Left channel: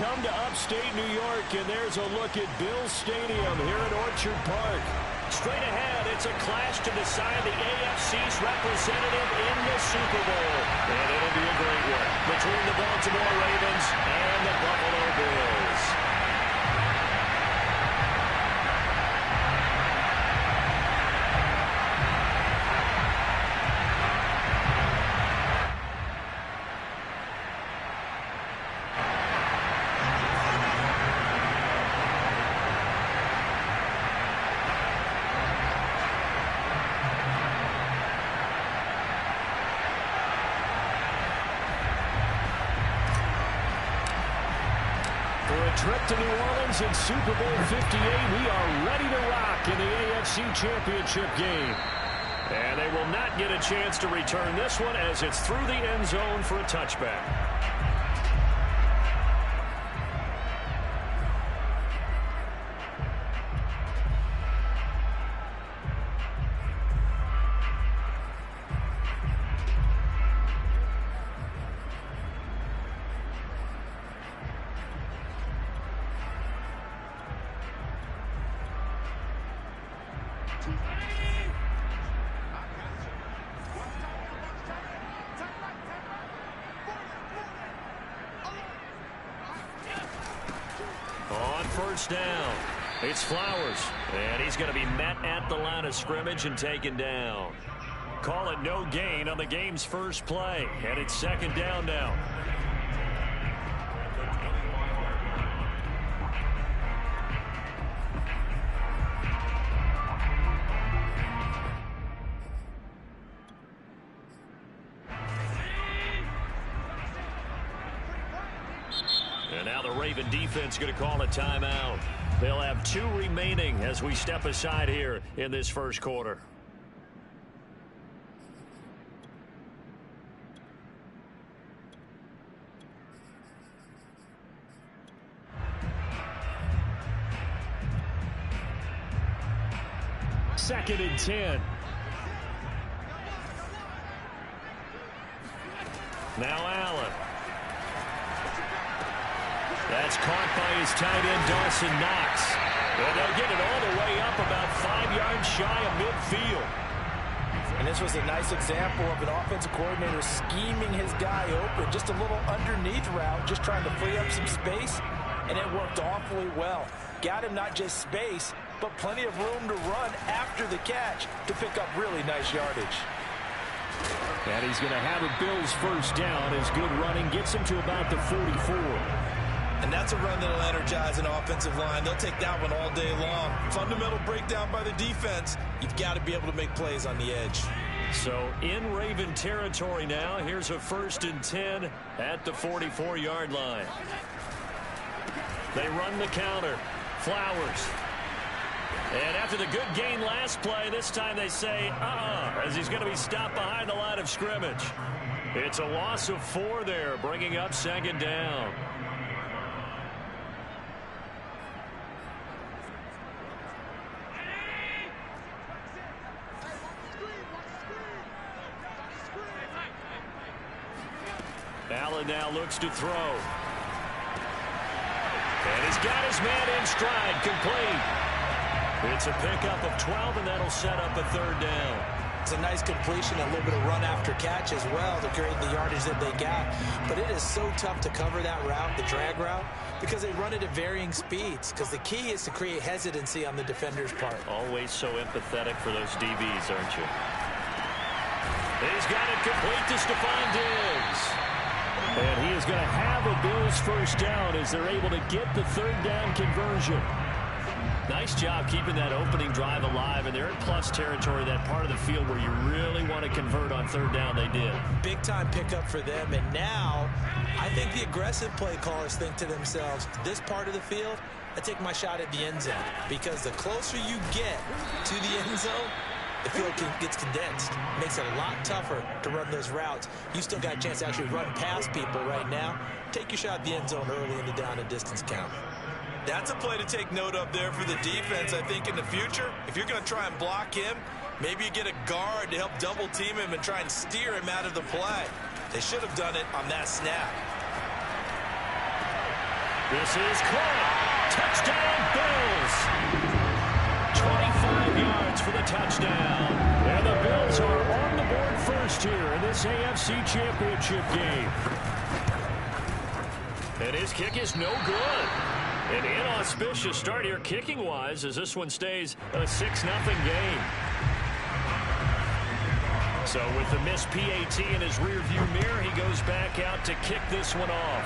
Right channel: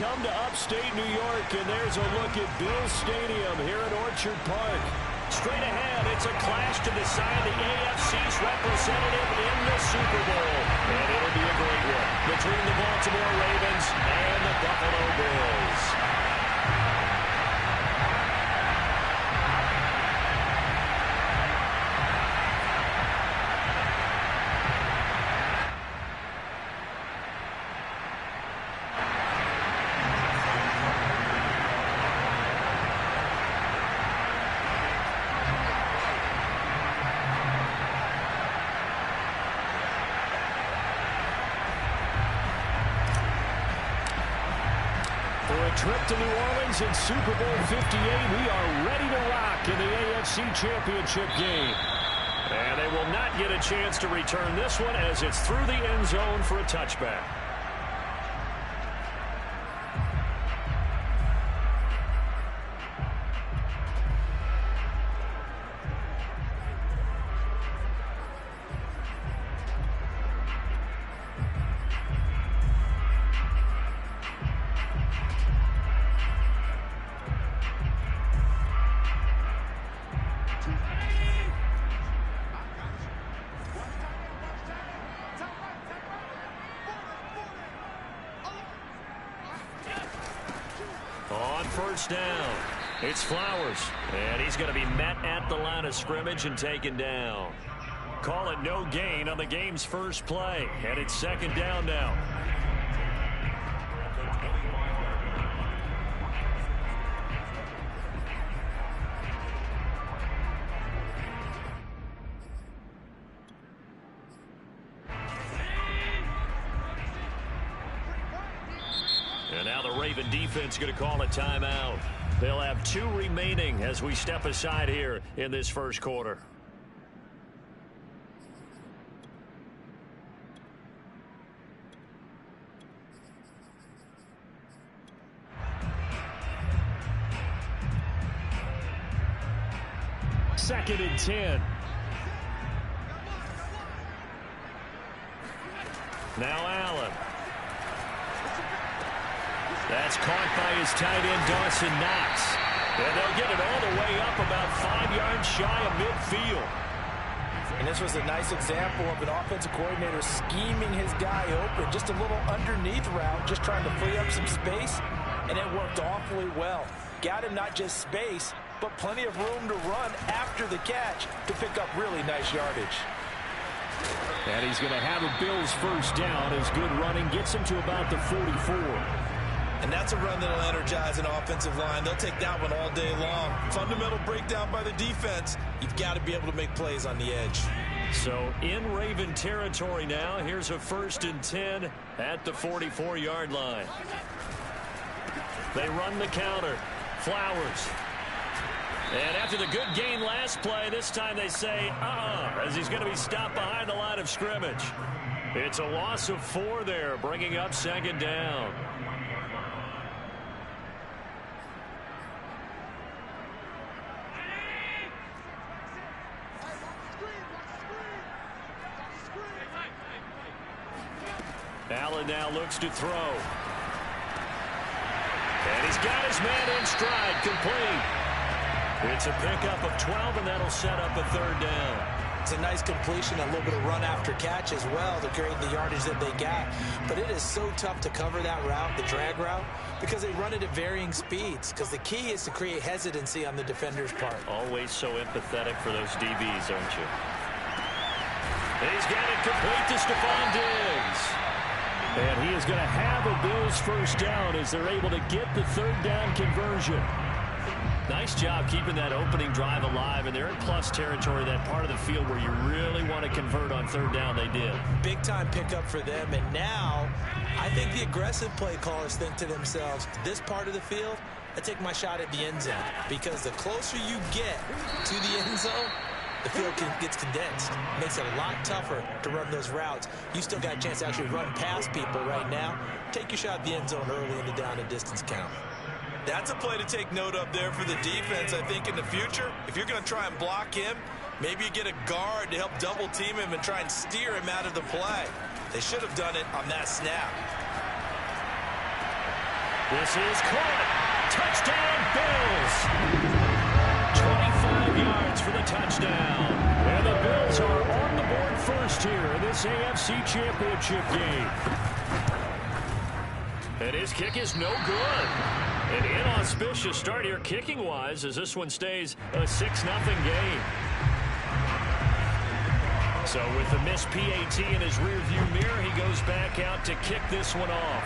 come to upstate New York, and there's a look at Bills Stadium here at Orchard Park. Straight ahead, it's a clash to decide the AFC's representative in the Super Bowl. And it'll be a great one between the Baltimore Ravens and the Buffalo Bills. For a trip to New Orleans in Super Bowl 58, we are ready to rock in the AFC Championship game. And they will not get a chance to return this one as it's through the end zone for a touchback. On first down, it's Flowers, and he's going to be met at the line of scrimmage and taken down. Call it no gain on the game's first play, and it's second down now. And now the Raven defense going to call a timeout. They'll have 2 remaining as we step aside here in this first quarter. Second and 10. Now Allen. That's caught by his tight end, Dawson Knox. And they'll get it all the way up about 5 yards shy of midfield. And this was a nice example of an offensive coordinator scheming his guy open. Just a little underneath route, just trying to free up some space. And it worked awfully well. Got him not just space, but plenty of room to run after the catch to pick up really nice yardage. And he's going to have a Bills first down as good running gets him to about the 44. And that's a run that'll energize an offensive line. They'll take that one all day long. Fundamental breakdown by the defense. You've got to be able to make plays on the edge. So in Raven territory now, here's a 1st and 10 at the 44-yard line. They run the counter. Flowers. And after the good gain last play, this time they say, as he's going to be stopped behind the line of scrimmage. It's a loss of 4 there, bringing up second down. Allen now looks to throw. And he's got his man in stride, complete. It's a pickup of 12, and that'll set up a 3rd down. It's a nice completion, a little bit of run after catch as well to create the yardage that they got. But it is so tough to cover that route, the drag route, because they run it at varying speeds. Because the key is to create hesitancy on the defender's part. Always so empathetic for those DBs, aren't you? He's got it complete to Stephon Diggs. And he is going to have a Bills first down as they're able to get the 3rd down conversion. Nice job keeping that opening drive alive, and they're in plus territory, that part of the field where you really want to convert on 3rd down. They did. Big time pickup for them, and now I think the aggressive play callers think to themselves, this part of the field, I take my shot at the end zone, because the closer you get to the end zone, the field gets condensed. Makes it a lot tougher to run those routes. You still got a chance to actually run past people right now. Take your shot at the end zone early in the down and distance count. That's a play to take note of there for the defense. I think in the future, if you're going to try and block him, maybe you get a guard to help double team him and try and steer him out of the play. They should have done it on that snap. This is caught. Touchdown, Bills. 25 yards for the touchdown. And the Bills are on the board first here in this AFC Championship game. And his kick is no good. An inauspicious start here kicking-wise as this one stays a 6-0 game. So with the missed PAT in his rearview mirror, he goes back out to kick this one off.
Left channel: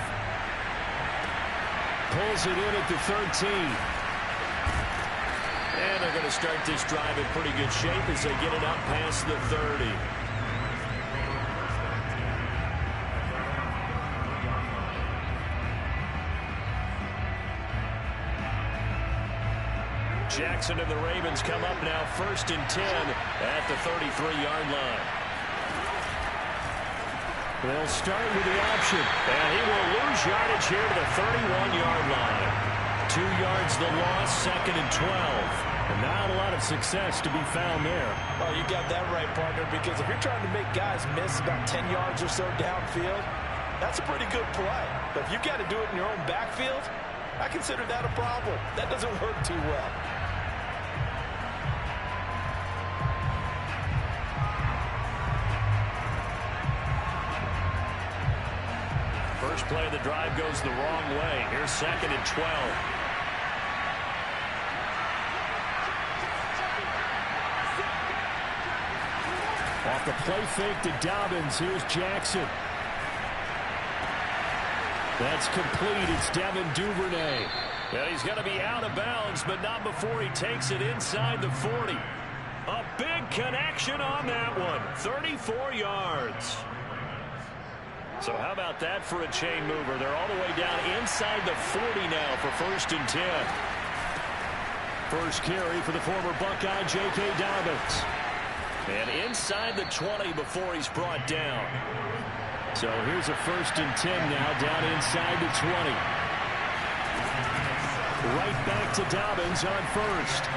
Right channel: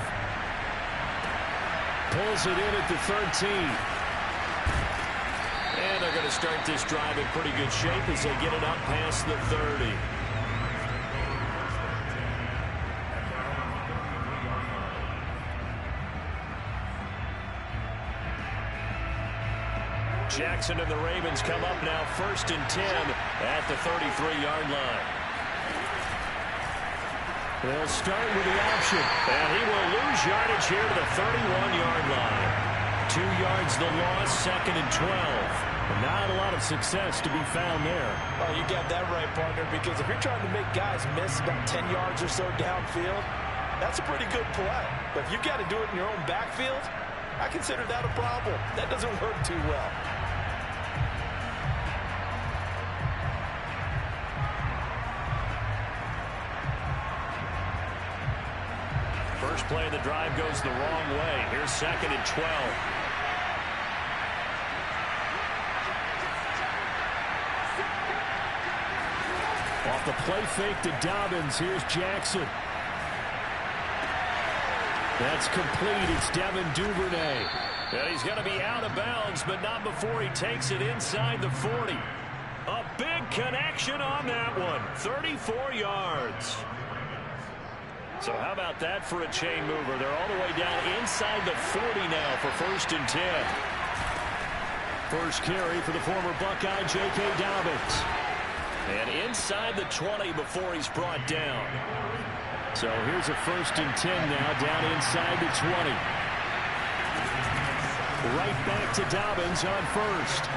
Pulls it in at the 13. And they're going to start this drive in pretty good shape as they get it up past the 30. Jackson and the Ravens come up now 1st and 10 at the 33-yard line. They'll start with the option, and he will lose yardage here to the 31-yard line. 2 yards the loss, 2nd and 12. And not a lot of success to be found there. Oh, you got that right, partner, because if you're trying to make guys miss about 10 yards or so downfield, that's a pretty good play. But if you've got to do it in your own backfield, I consider that a problem. That doesn't work too well. First play of the drive goes the wrong way. Here's 2nd and 12. Off the play fake to Dobbins. Here's Jackson. That's complete. It's Devin Duvernay. And he's going to be out of bounds, but not before he takes it inside the 40. A big connection on that one. 34 yards. So how about that for a chain mover? They're all the way down inside the 40 now for 1st and 10. First carry for the former Buckeye, J.K. Dobbins. And inside the 20 before he's brought down. So here's a 1st and 10 now down inside the 20. Right back to Dobbins on 1st.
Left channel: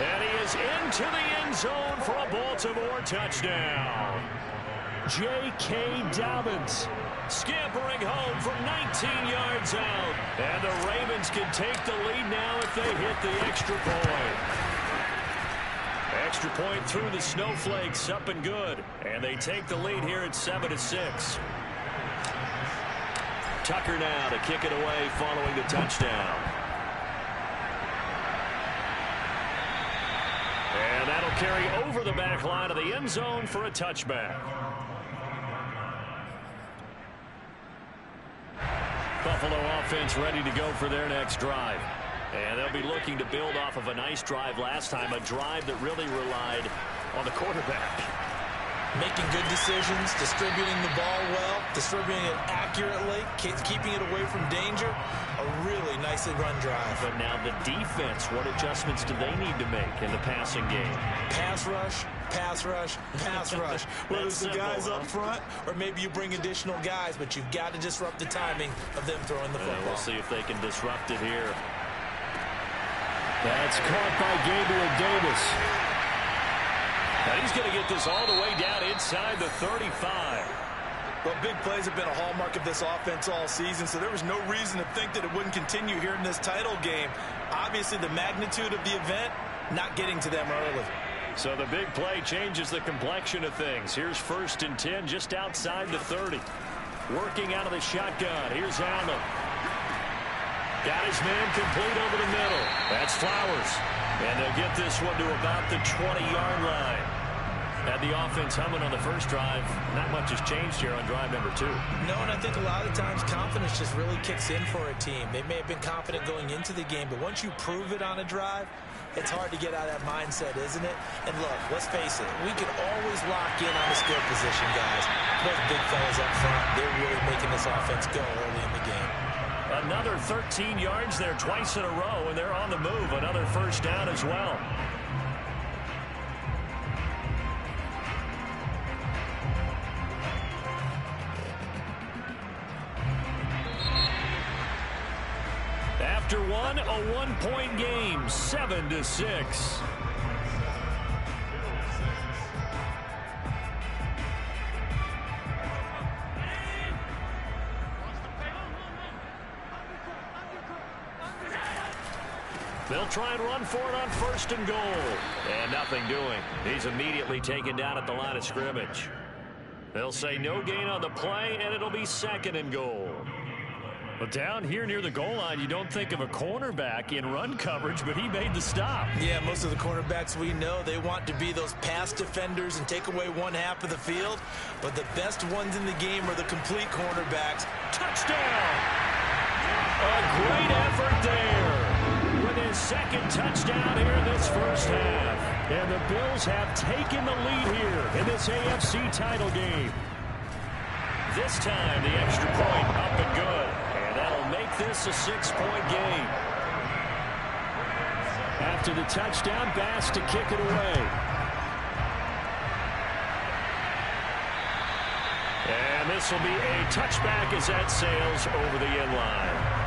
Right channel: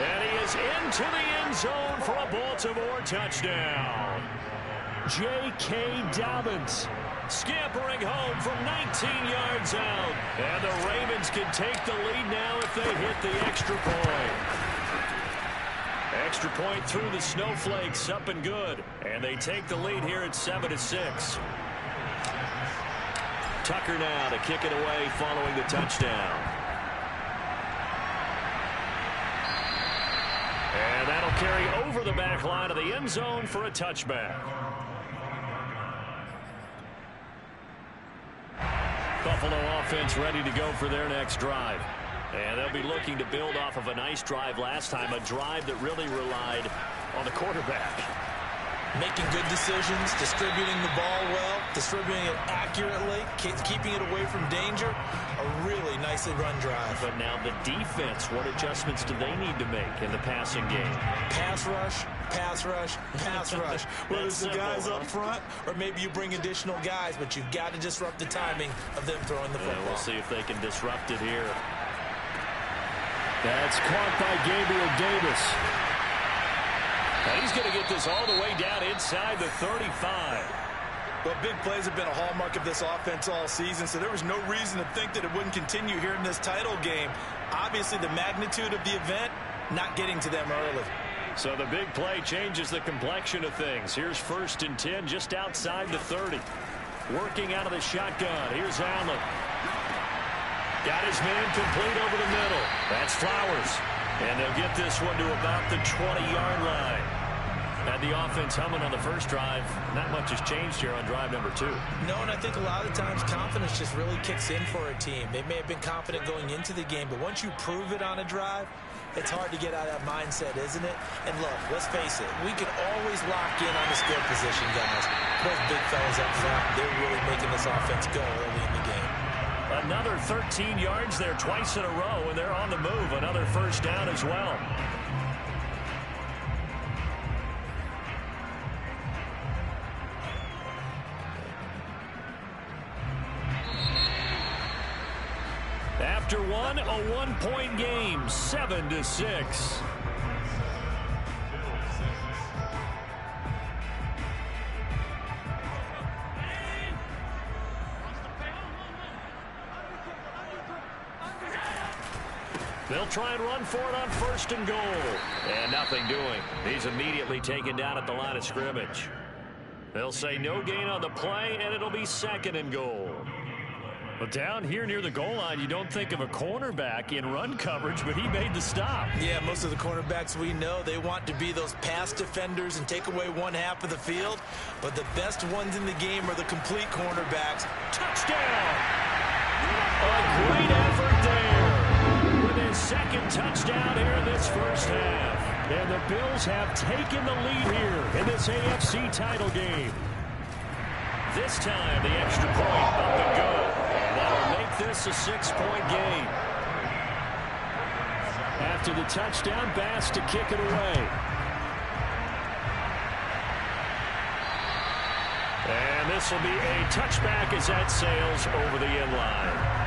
And he is into the end zone for a Baltimore touchdown. J.K. Dobbins scampering home from 19 yards out. And the Ravens can take the lead now if they hit the extra point. Extra point through the snowflakes, up and good. And they take the lead here at 7-6. Tucker now to kick it away following the touchdown. And that'll carry over the back line of the end zone for a touchback. Buffalo offense ready to go for their next drive. And they'll be looking to build off of a nice drive last time, a drive that really relied on the quarterback. Making good decisions, distributing the ball well, distributing it accurately, keeping it away from danger. A really nicely run drive. But now the defense, what adjustments do they need to make in the passing game? Pass rush, pass rush, pass rush. Whether it's the guys up front or maybe you bring additional guys, but you've got to disrupt the timing of them throwing the football. We'll see if they can disrupt it here. That's caught by Gabriel Davis. And he's going to get this all the way down inside the 35. Well, big plays have been a hallmark of this offense all season, so there was no reason to think that it wouldn't continue here in this title game. Obviously, the magnitude of the event, not getting to them early. So the big play changes the complexion of things. Here's 1st and 10 just outside the 30. Working out of the shotgun. Here's Allen. Got his man complete over the middle. That's Flowers. And they'll get this one to about the 20-yard line. Had the offense humming on the first drive. Not much has changed here on drive number 2. No, and I think a lot of times confidence just really kicks in for a team. They may have been confident going into the game, but once you prove it on a drive, it's hard to get out of that mindset, isn't it? And look, let's face it, we can always lock in on the skill position, guys. Those big fellas up front, they're really making this offense go early in the game. Another 13 yards there twice in a row, and they're on the move. Another first down as well. After one, a one-point game, 7-6. They'll try and run for it on 1st and goal. And nothing doing. He's immediately taken down at the line of scrimmage. They'll say no gain on the play, and it'll be 2nd and goal. But down here near the goal line, you don't think of a cornerback in run coverage, but he made the stop. Yeah, most of the cornerbacks we know, they want to be those pass defenders and take away one half of the field. But the best ones in the game are the complete cornerbacks. Touchdown! A great effort there. With his 2nd touchdown here in this first half. And the Bills have taken the lead here in this AFC title game. This time, the extra point up and good. And that'll make this a 6-point game. After the touchdown, Bass to kick it away. And this will be a touchback as that sails over the end line.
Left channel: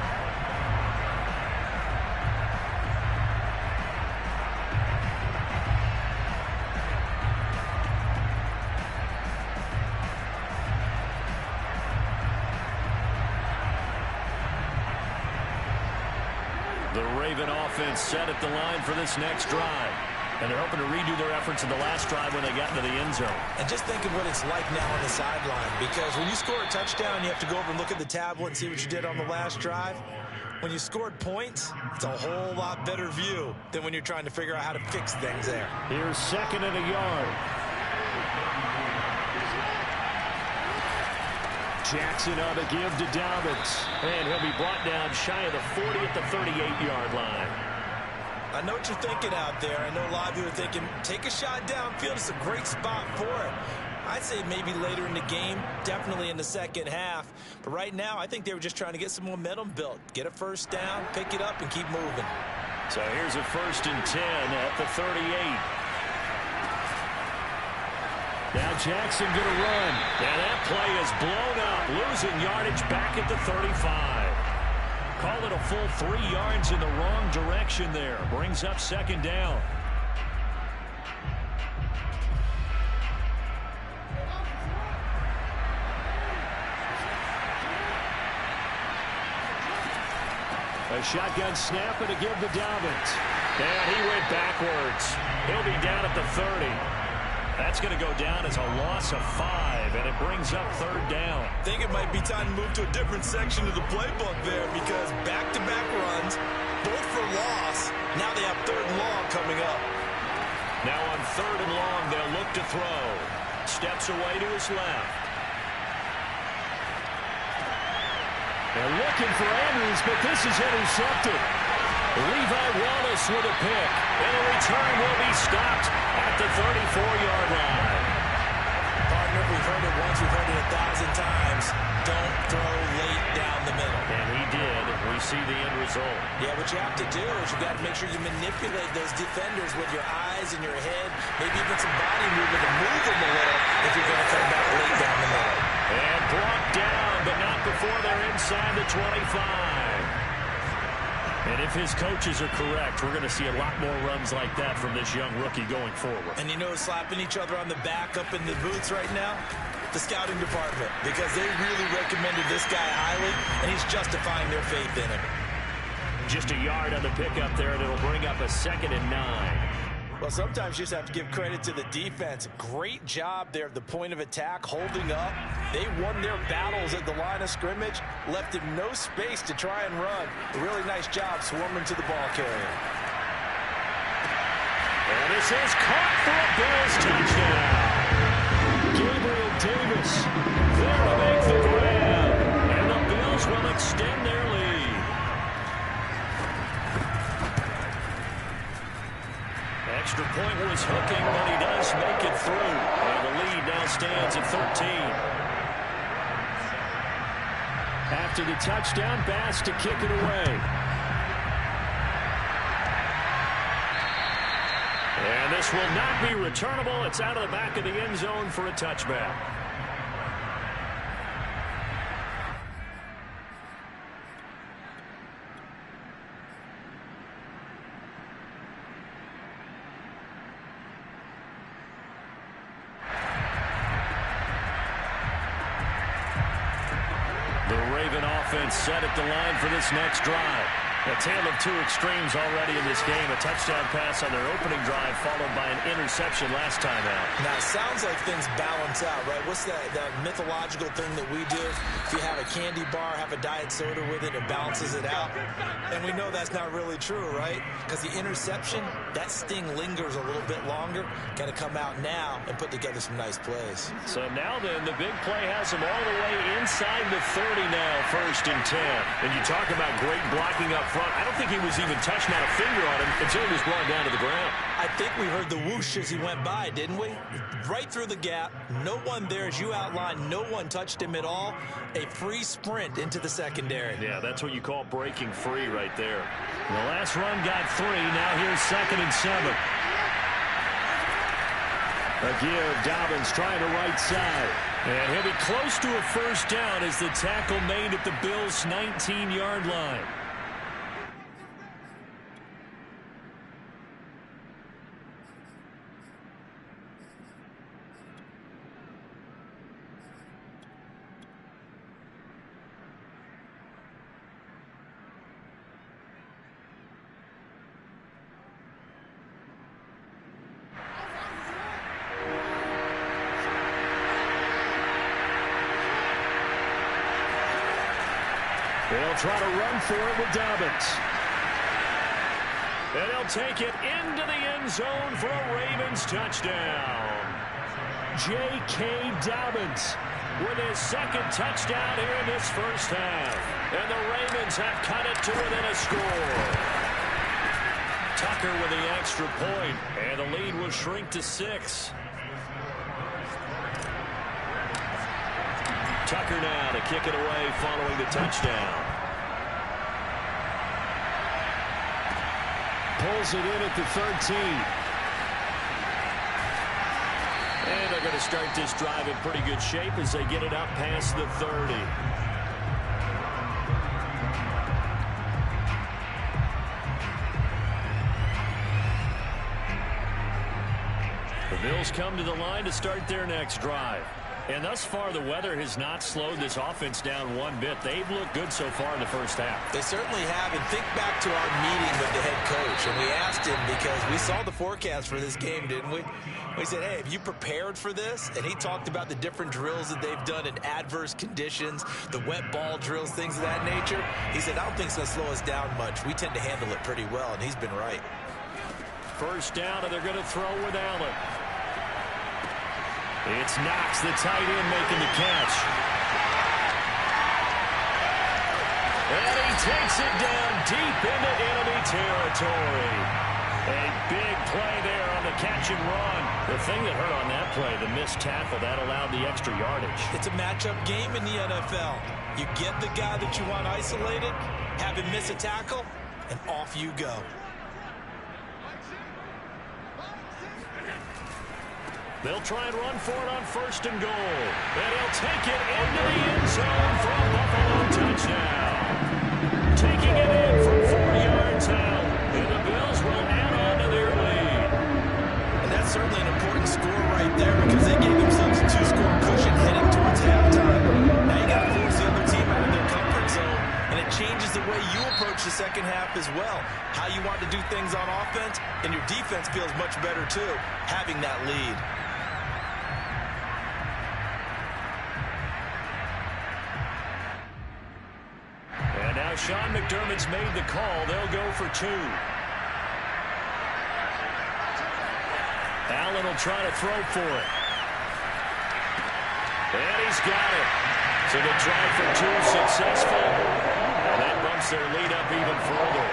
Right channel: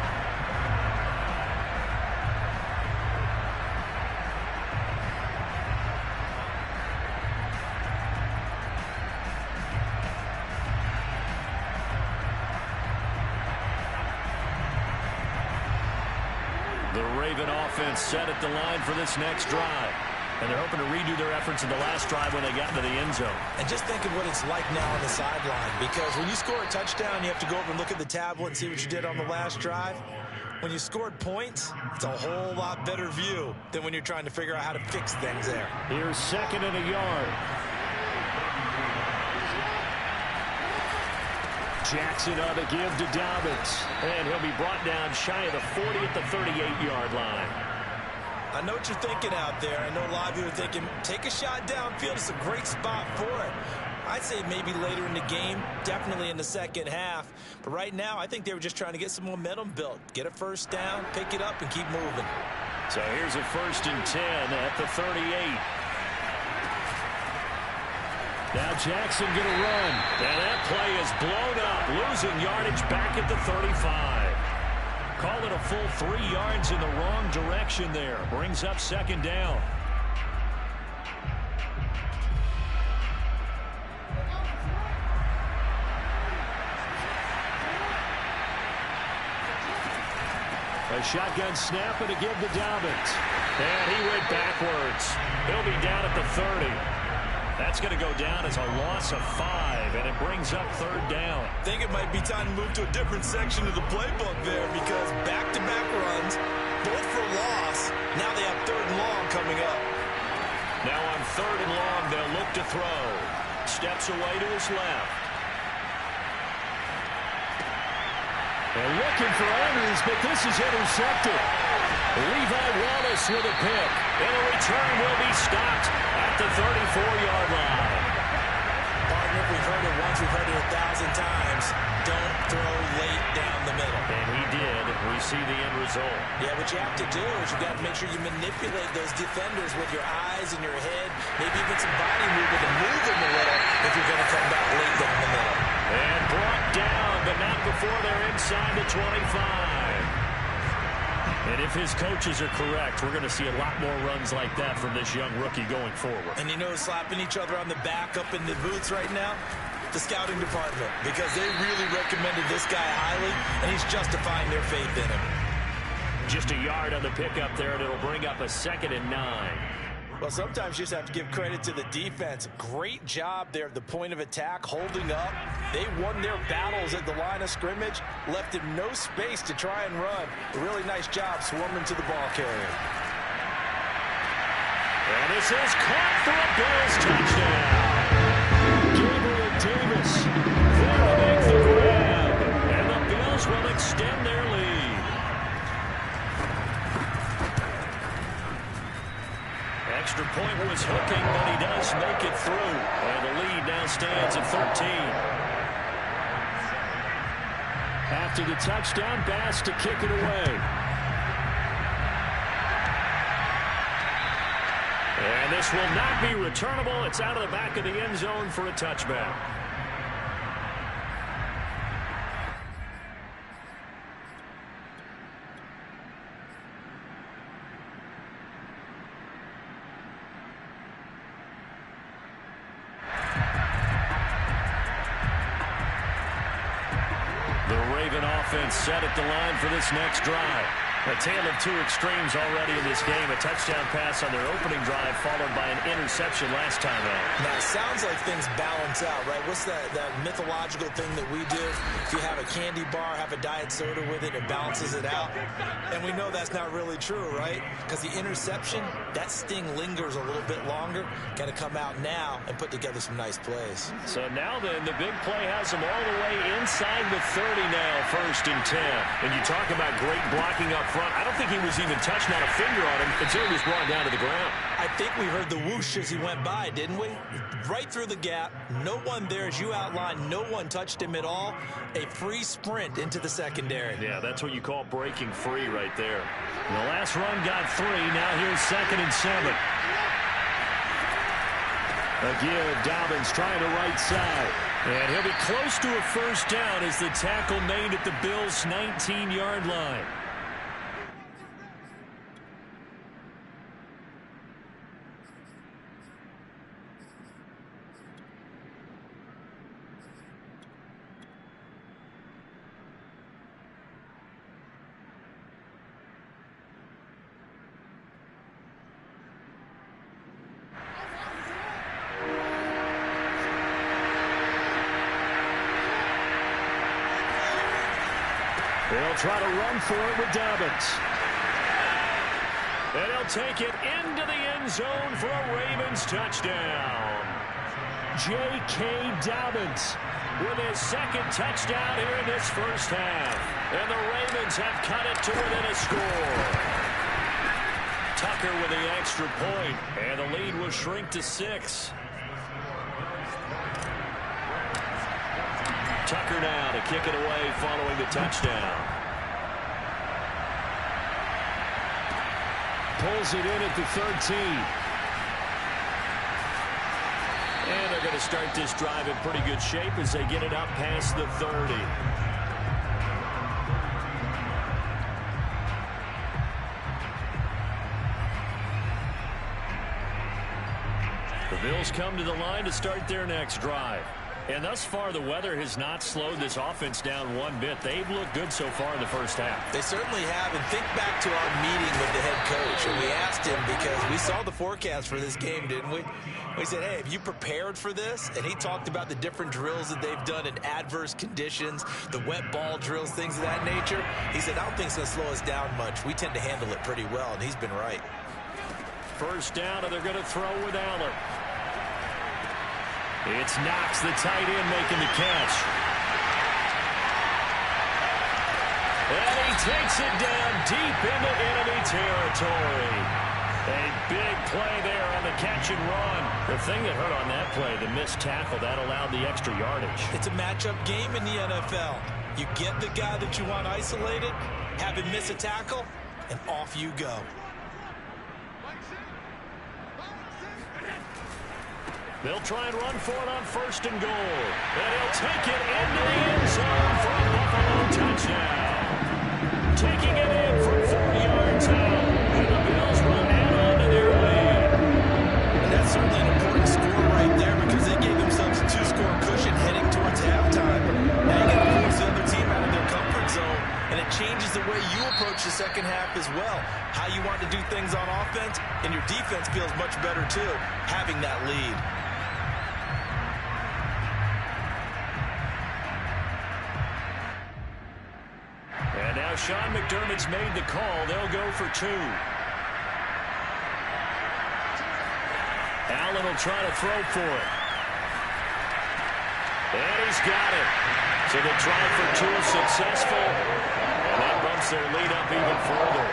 The Raven offense set at the line for this next drive. And they're hoping to redo their efforts in the last drive when they got into the end zone. And just think of what it's like now on the sideline. Because when you score a touchdown, you have to go over and look at the tablet and see what you did on the last drive. When you scored points, it's a whole lot better view than when you're trying to figure out how to fix things there. Here's 2nd and a yard. Jackson on the give to Dobbins. And he'll be brought down shy of the 40 at the 38-yard line. I know what you're thinking out there. I know a lot of you are thinking, take a shot downfield. It's a great spot for it. I'd say maybe later in the game, definitely in the second half. But right now, I think they were just trying to get some momentum built. Get a first down, pick it up, and keep moving. So here's a 1st and 10 at the 38. Now Jackson going to run. And that play is blown up, losing yardage back at the 35. Call it a full 3 yards in the wrong direction there. Brings up 2nd down. A shotgun snap and a give to Dobbins. And he went backwards. He'll be down at the 30. That's going to go down as a loss of 5, and it brings up 3rd down. I think it might be time to move to a different section of the playbook there, because back-to-back runs, both for loss. Now they have 3rd and long coming up. Now on 3rd and long, they'll look to throw. Steps away to his left. And looking for Andrews, but this is intercepted. Levi Wallace with a pick. And the return will be stopped at the 34-yard line. Partner, we've heard it once, we've heard it 1,000 times. Don't throw late down the middle. And he did. We see the end result. Yeah, what you have to do is you've got to make sure you manipulate those defenders with your eyes and your head, maybe even some body movement to move them a little if you're going to come back late down the middle. And brought down, but not before they're inside the 25. And if his coaches are correct, we're going to see a lot more runs like that from this young rookie going forward. And you know, slapping each other on the back up in the boots right now? The scouting department, because they really recommended this guy highly, and he's justifying their faith in him. Just a yard on the pickup there, and it'll bring up a 2nd and 9. Well, sometimes you just have to give credit to the defense. Great job there at the point of attack, holding up. They won their battles at the line of scrimmage, left him no space to try and run. A really nice job swarming to the ball carrier. And this is caught for a Bills touchdown. Gabriel Davis there to make the grab. And the Bills will extend their lead. Extra point was hooking, but he does make it through. And the lead now stands at 13. After the touchdown, Bass to kick it away. And this will not be returnable. It's out of the back of the end zone for a touchback. The Raven offense set at the line for this next drive. A tale of two extremes already in this game. A touchdown pass on their opening drive followed by an interception last time out. Now, it sounds like things balance out, right? What's that mythological thing that we do? If you have a candy bar, have a diet soda with it, it balances it out. And we know that's not really true, right? Because the interception, that sting lingers a little bit longer. Got to come out now and put together some nice plays. So now then, the big play has them all the way inside the 30 now, 1st and 10. And you talk about great blocking up front. I don't think he was even touched, not a finger on him, until he was brought down to the ground. I think we heard the whoosh as he went by, didn't we? Right through the gap. No one there, as you outlined. No one touched him at all. A free sprint into the secondary. Yeah, that's what you call breaking free right there. The last run got 3. Now here's 2nd and 7. A give. Dobbins trying the right side. And he'll be close to a 1st down as the tackle made at the Bills' 19-yard line. They'll try to run for it with Dobbins. And he'll take it into the end zone for a Ravens touchdown. J.K. Dobbins with his 2nd touchdown here in this 1st half. And the Ravens have cut it to within a score. Tucker with the extra point, and the lead will shrink to 6. Tucker now to kick it away following the touchdown. Pulls it in at the 13. And they're going to start this drive in pretty good shape as they get it up past the 30. The Bills come to the line to start their next drive. And thus far, the weather has not slowed this offense down one bit. They've looked good so far in the 1st half. They certainly have. And think back to our meeting with the head coach. And we asked him, because we saw the forecast for this game, didn't we? We said, hey, have you prepared for this? And he talked about the different drills that they've done in adverse conditions, the wet ball drills, things of that nature. He said, I don't think it's going to slow us down much. We tend to handle it pretty well, and he's been right. 1st down, and they're going to throw with Allen. It's Knox, the tight end, making the catch. And he takes it down deep into enemy territory. A big play there on the catch and run. The thing that hurt on that play, the missed tackle, that allowed the extra yardage. It's a matchup game in the NFL. You get the guy that you want isolated, have him miss a tackle, and off you go. They'll try and run for it on 1st and goal. And he'll take it into the end zone for a Buffalo touchdown. Taking it in from 4 yards out. And the Bills will add on to their lead. And that's certainly an important score right there, because they gave themselves a 2-score cushion heading towards halftime. Now you got to force the other team out of their comfort zone. And it changes the way you approach the 2nd half as well. How you want to do things on offense, and your defense feels much better too, having that lead. And now Sean McDermott's made the call. They'll go for 2. Allen will try to throw for it. And he's got it. So the try for 2 is successful. And that bumps their lead up even further.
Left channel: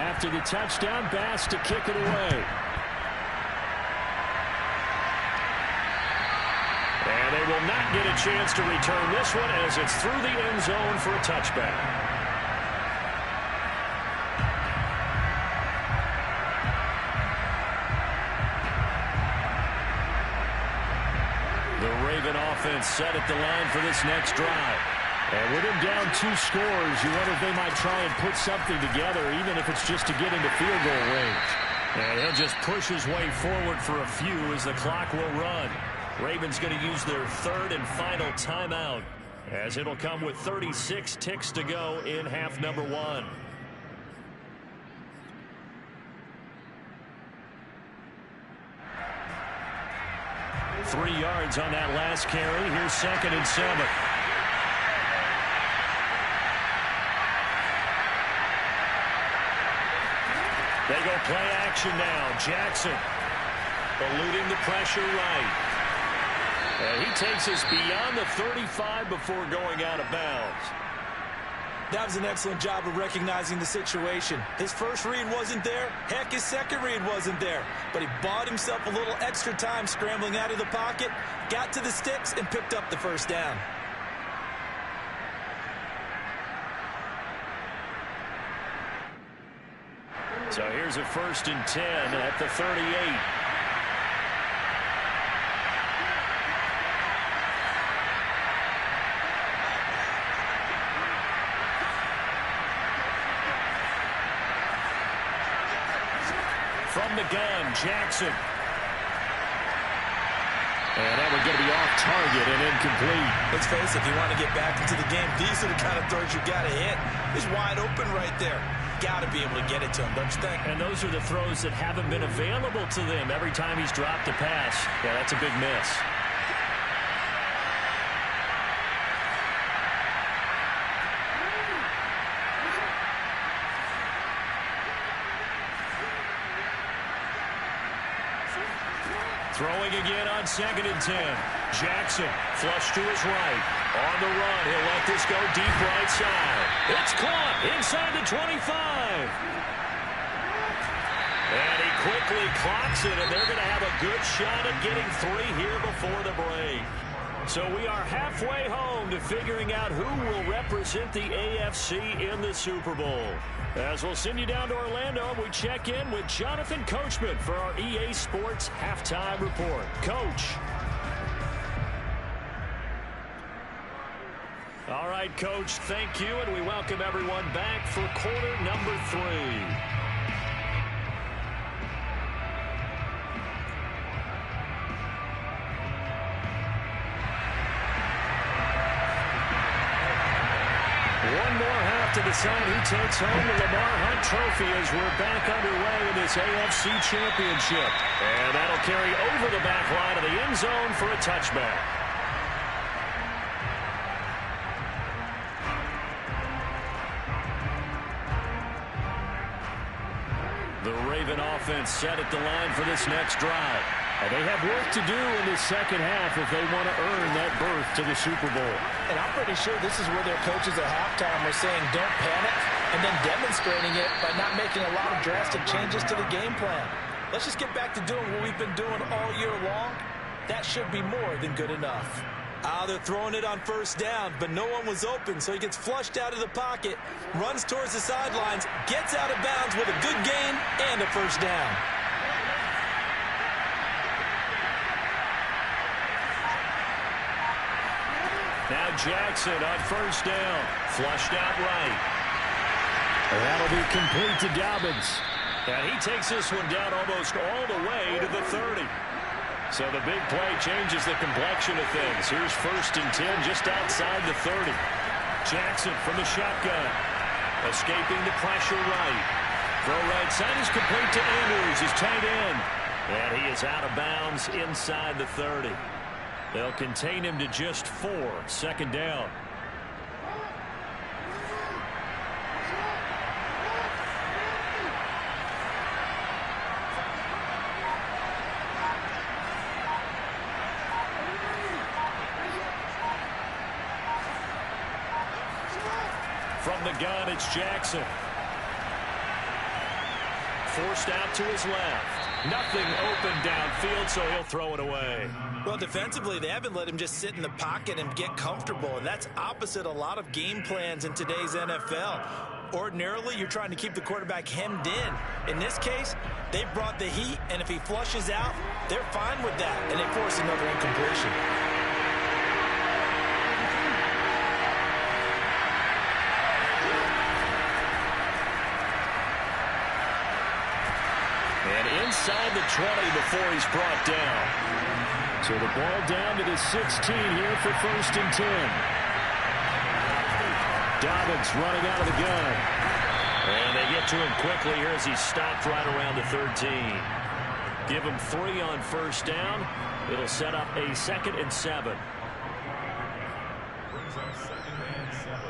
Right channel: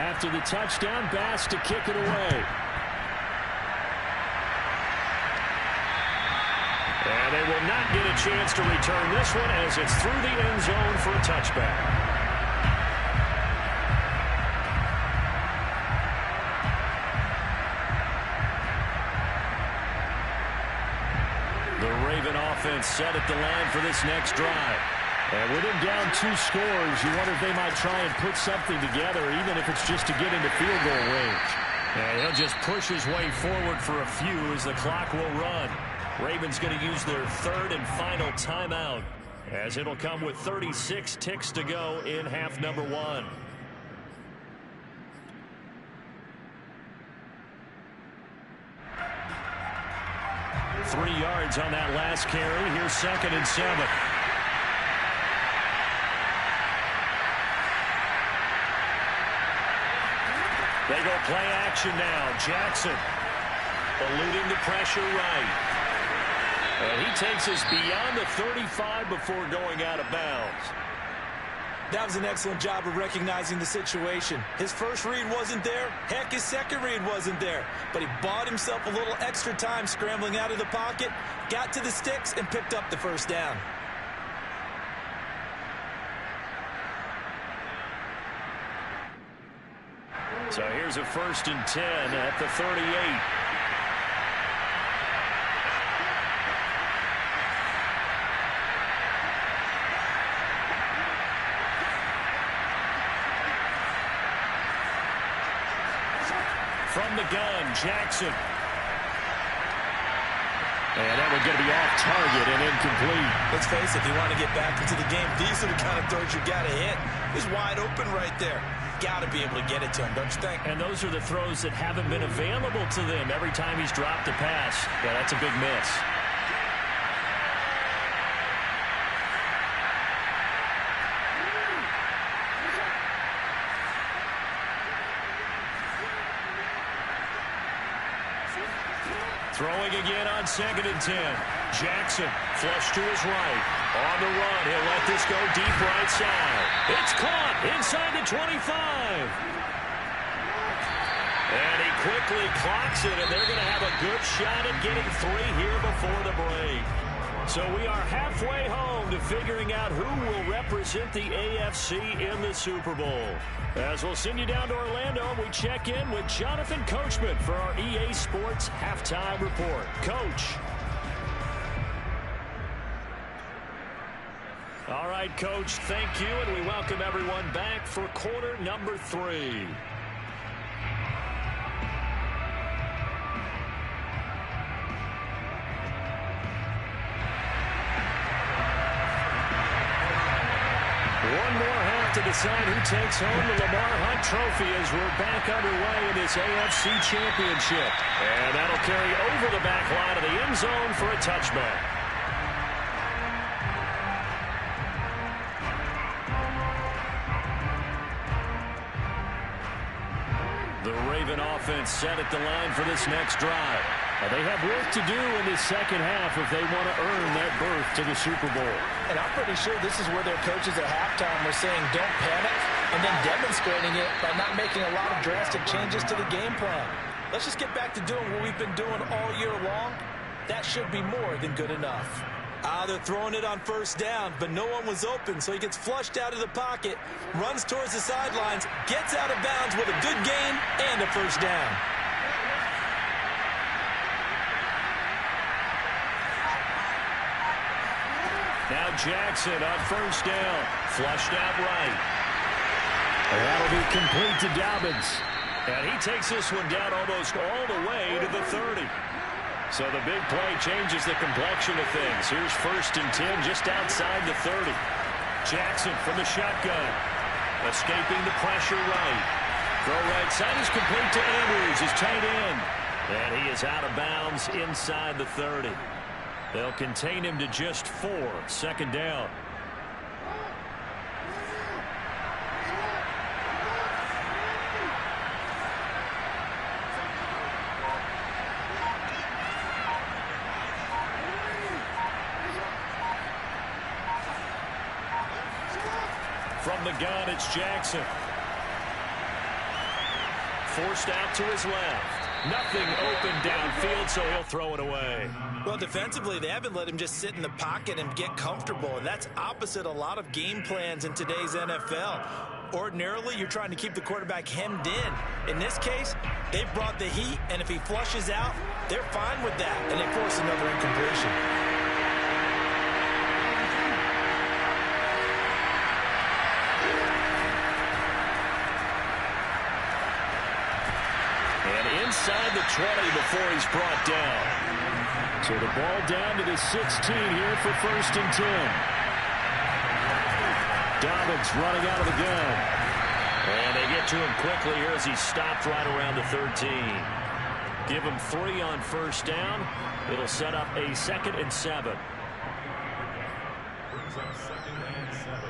After the touchdown, Bass to kick it away. And they will not get a chance to return this one as it's through the end zone for a touchback. The Raven offense set at the line for this next drive. And with him down 2 scores, you wonder if they might try and put something together, even if it's just to get into field goal range. And he'll just push his way forward for a few as the clock will run. Ravens going to use their 3rd and final timeout as it'll come with 36 ticks to go in half number 1. Three yards on that last carry. Here's 2nd and 7. They go play action now. Jackson eluding the pressure right. And he takes us beyond the 35 before going out of bounds. That was an excellent job of recognizing the situation. His first read wasn't there. Heck, his second read wasn't there. But he bought himself a little extra time scrambling out of the pocket, got to the sticks, and picked up the first down. So here's a 1st and 10 at the 38. From the gun, Jackson. And that one going to be off target and incomplete. Let's face it, if you want to get back into the game, these are the kind of throws you got to hit. He's wide open right there. Got to be able to get it to him, don't you think? And those are the throws that haven't been available to them every time he's dropped a pass. Yeah, that's a big miss. Throwing again on 2nd and 10. Jackson flush to his right. On the run, he'll let this go deep right side. It's caught inside the 25. And he quickly clocks it, and they're going to have a good shot at getting 3 here before the break. So we are halfway home to figuring out who will represent the AFC in the Super Bowl. As we'll send you down to Orlando, and we check in with Jonathan Coachman for our EA Sports Halftime Report. Coach. All right, Coach, thank you, and we welcome everyone back for quarter number 3. One more half to decide who takes home the Lamar Hunt Trophy as we're back underway in this AFC Championship. And that'll carry over the back line of the end zone for a touchback. The Raven offense set at the line for this next drive. And they have work to do in this second half if they want to earn that berth to the Super Bowl. And I'm pretty sure this is where their coaches at halftime were saying don't panic, and then demonstrating it by not making a lot of drastic changes to the game plan. Let's just get back to doing what we've been doing all year long. That should be more than good enough. They're throwing it on 1st down, but no one was open, so he gets flushed out of the pocket, runs towards the sidelines, gets out of bounds with a good gain and a 1st down. Now Jackson on 1st down, flushed out right. And that'll be complete to Dobbins. And he takes this one down almost all the way to the 30. So the big play changes the complexion of things. Here's 1st and 10 just outside the 30. Jackson from the shotgun, escaping the pressure right. Throw right side is complete to Andrews, his tight end. And he is out of bounds inside the 30. They'll contain him to just 4. 2nd down. From the gun, it's Jackson. Forced out to his left. Nothing open downfield, so he'll throw it away. Well, defensively, they haven't let him just sit in the pocket and get comfortable, and that's opposite a lot of game plans in today's NFL. Ordinarily, you're trying to keep the quarterback hemmed in. In this case, they brought the heat, and if he flushes out, they're fine with that, and they force another incompletion. And inside the 20 before he's brought down. So the ball down to the 16 here for 1st and 10. Dobbins running out of the gun. And they get to him quickly here as he stopped right around the 13. Give him 3 on first down. It'll set up a 2nd and 7. Brings up 2nd and 7.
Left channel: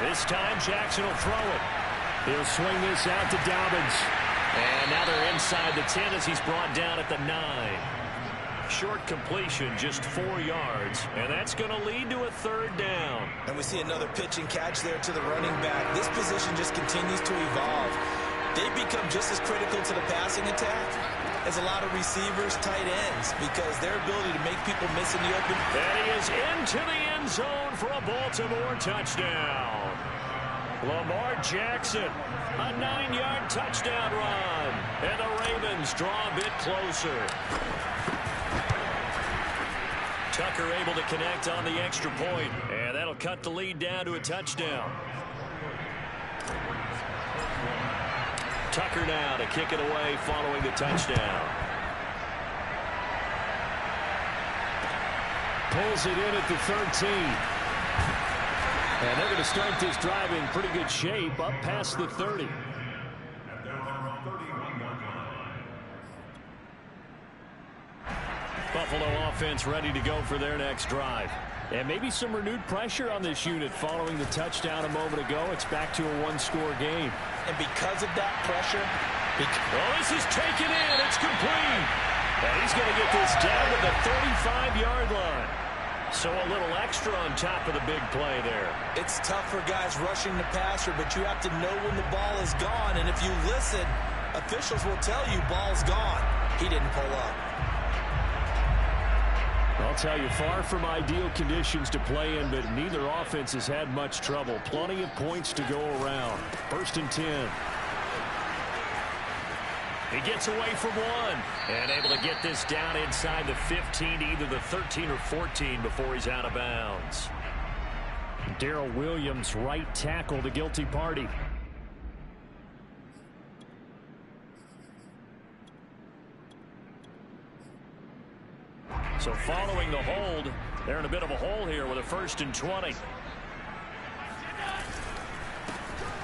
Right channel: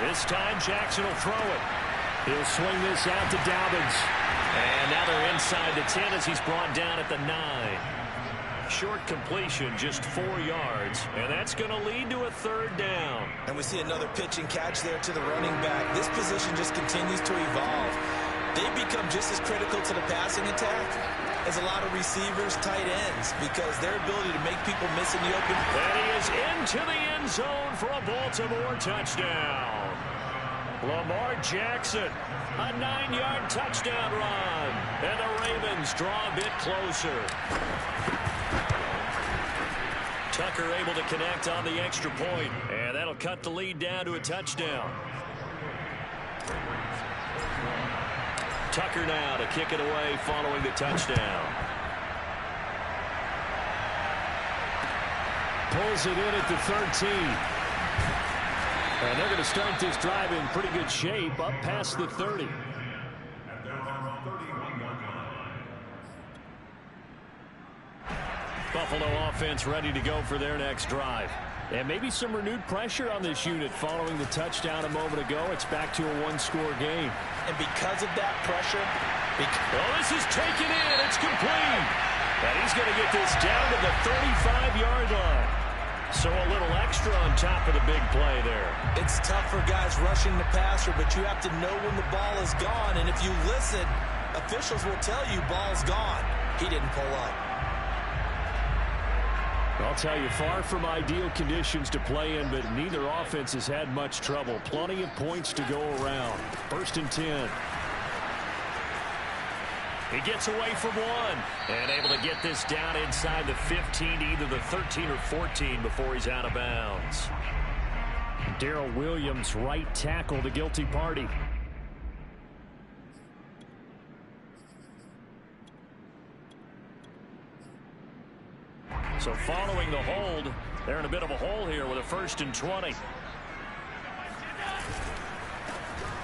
This time Jackson will throw it. He'll swing this out to Dobbins. And now they're inside the 10 as he's brought down at the 9. Short completion, just 4 yards, and that's going to lead to a 3rd down. And we see another pitch and catch there to the running back. This position just continues to evolve. They become just as critical to the passing attack as a lot of receivers, tight ends, because their ability to make people miss in the open. And he is into the end zone for a Baltimore touchdown. Lamar Jackson, a 9-yard touchdown run. And the Ravens draw a bit closer. Tucker able to connect on the extra point, and that'll cut the lead down to a touchdown. Tucker now to kick it away following the touchdown. Pulls it in at the 13. And they're going to start this drive in pretty good shape up past the 30. Buffalo offense ready to go for their next drive. And maybe some renewed pressure on this unit following the touchdown a moment ago. It's back to a 1-score game. And because of that pressure... Oh, this is taken in. It's complete. And he's going to get this down to the 35-yard line. So a little extra on top of the big play there. It's tough for guys rushing the passer, but you have to know when the ball is gone. And if you listen, officials will tell you ball's gone. He didn't pull up. I'll tell you, far from ideal conditions to play in, but neither offense has had much trouble. Plenty of points to go around. 1st and 10. He gets away from 1 and able to get this down inside the 15 to either the 13 or 14 before he's out of bounds. Darrell Williams, right tackle, the guilty party. So following the hold, they're in a bit of a hole here with a 1st and 20.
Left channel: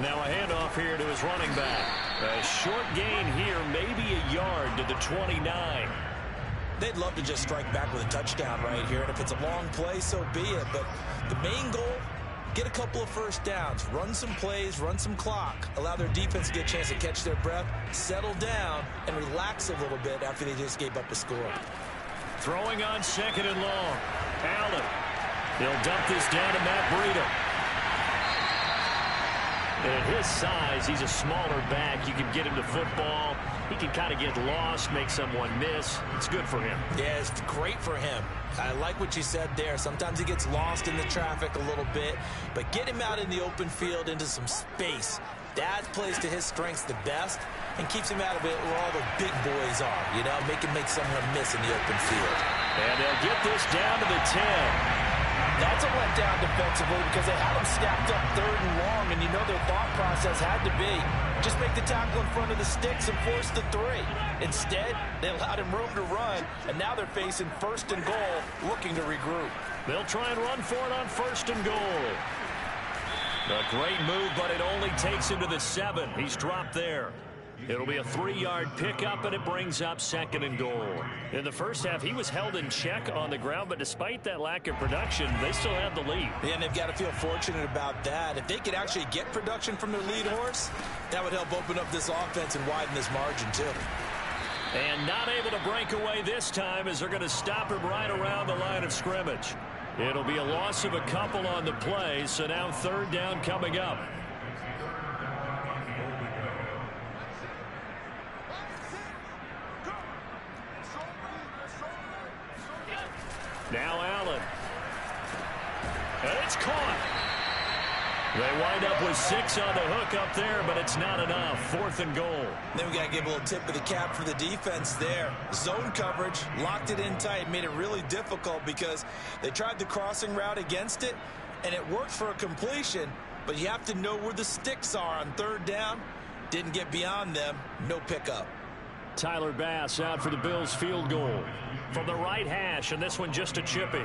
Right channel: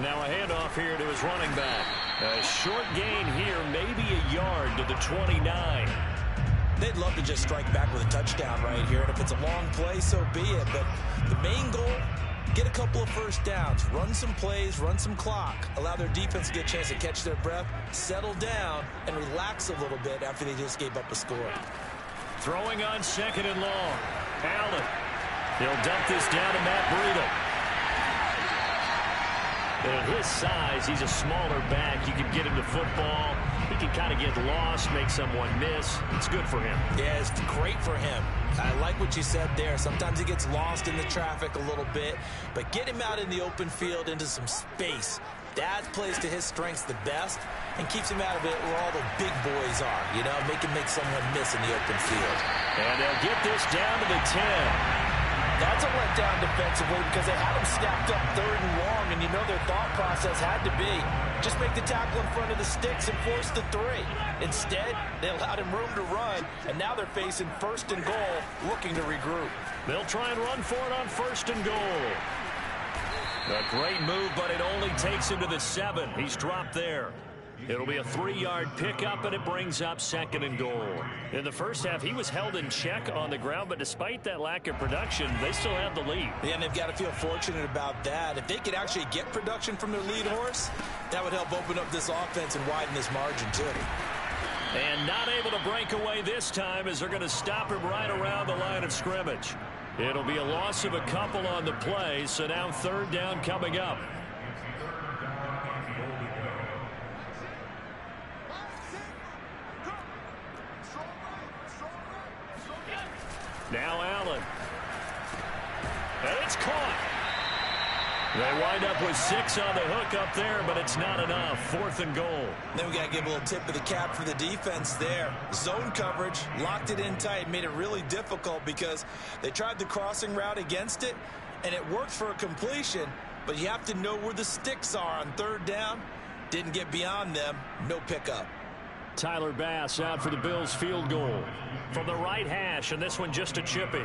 Now a handoff here to his running back. A short gain here, maybe a yard to the 29. They'd love to just strike back with a touchdown right here. And if it's a long play, so be it. But the main goal, get a couple of first downs, run some plays, run some clock, allow their defense to get a chance to catch their breath, settle down, and relax a little bit after they just gave up a score. Throwing on 2nd and long. Allen. He'll dump this down to Matt Breida. And at his size, he's a smaller back. You can get him to football. He can kind of get lost, make someone miss. It's good for him. Yeah, it's great for him. I like what you said there. Sometimes he gets lost in the traffic a little bit, but get him out in the open field into some space. That plays to his strengths the best and keeps him out of it where all the big boys are. You know, make someone miss in the open field. And they'll get this down to the 10. That's a letdown defensively because they had him snapped up 3rd and long, and you know their thought process had to be just make the tackle in front of the sticks and force the 3. Instead, they allowed him room to run, and now they're facing 1st and goal, looking to regroup. They'll try and run for it on 1st and goal. A great move, but it only takes him to the 7. He's dropped there. It'll be a 3-yard pickup, and it brings up 2nd and goal. In the first half, he was held in check on the ground, but despite that lack of production, they still have the lead. Yeah, and they've got to feel fortunate about that. If they could actually get production from their lead horse, that would help open up this offense and widen this margin, too. And not able to break away this time as they're going to stop him right around the line of scrimmage. It'll be a loss of a couple on the play, so now 3rd down coming up. Now Allen. And it's caught. They wind up with 6 on the hook up there, but it's not enough. 4th and goal. Then we got to give a little tip of the cap for the defense there. Zone coverage, locked it in tight, made it really difficult because they tried the crossing route against it, and it worked for a completion, but you have to know where the sticks are on 3rd down. Didn't get beyond them. No pickup. Tyler Bass out for the Bills field goal. From the right hash, and this one just a chippy.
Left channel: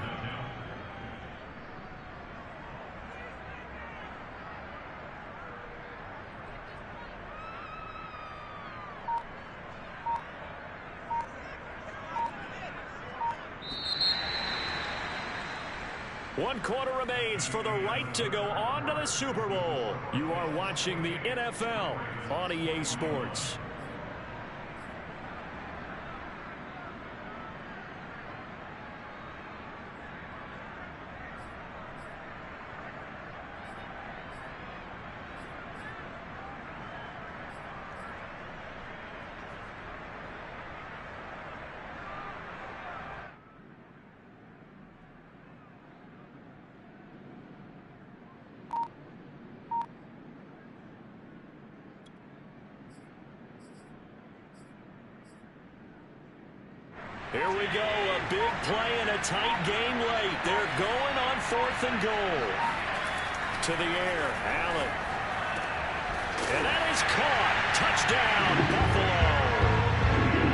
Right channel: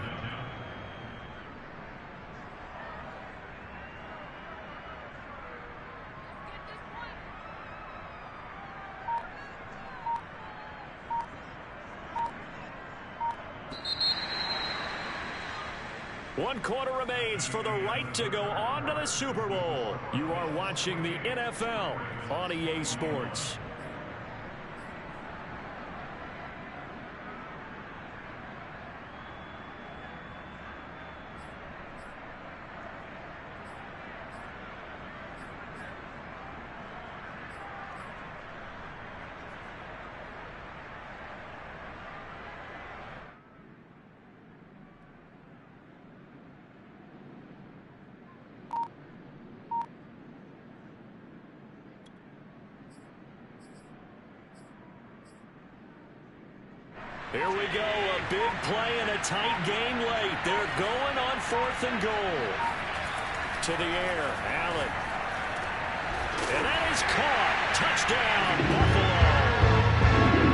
One quarter remains for the right to go on to the Super Bowl. You are watching the NFL on EA Sports. Here we go, a big play and a tight game late. They're going on 4th and goal. To the air, Allen. And that is caught. Touchdown, Buffalo.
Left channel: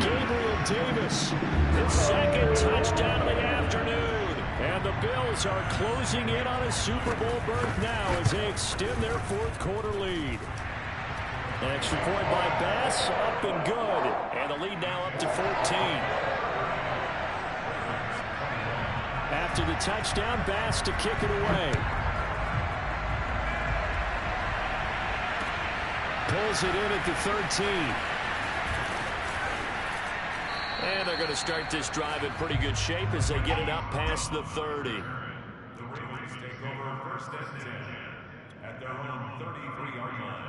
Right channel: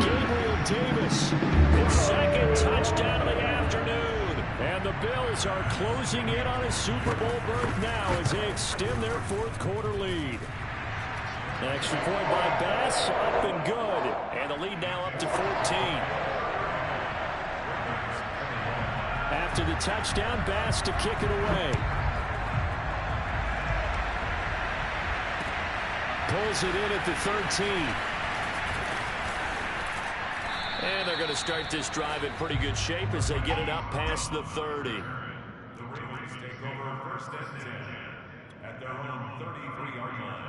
Gabriel Davis, his second touchdown of the afternoon. And the Bills are closing in on a Super Bowl berth now as they extend their 4th quarter lead. An extra point by Bass, up and good. And the lead now up to 14. After the touchdown, Bass to kick it away. Pulls it in at the 13. And they're going to start this drive in pretty good shape as they get it up past the 30. The Ravens take over 1st and 10 at their own 33-yard line.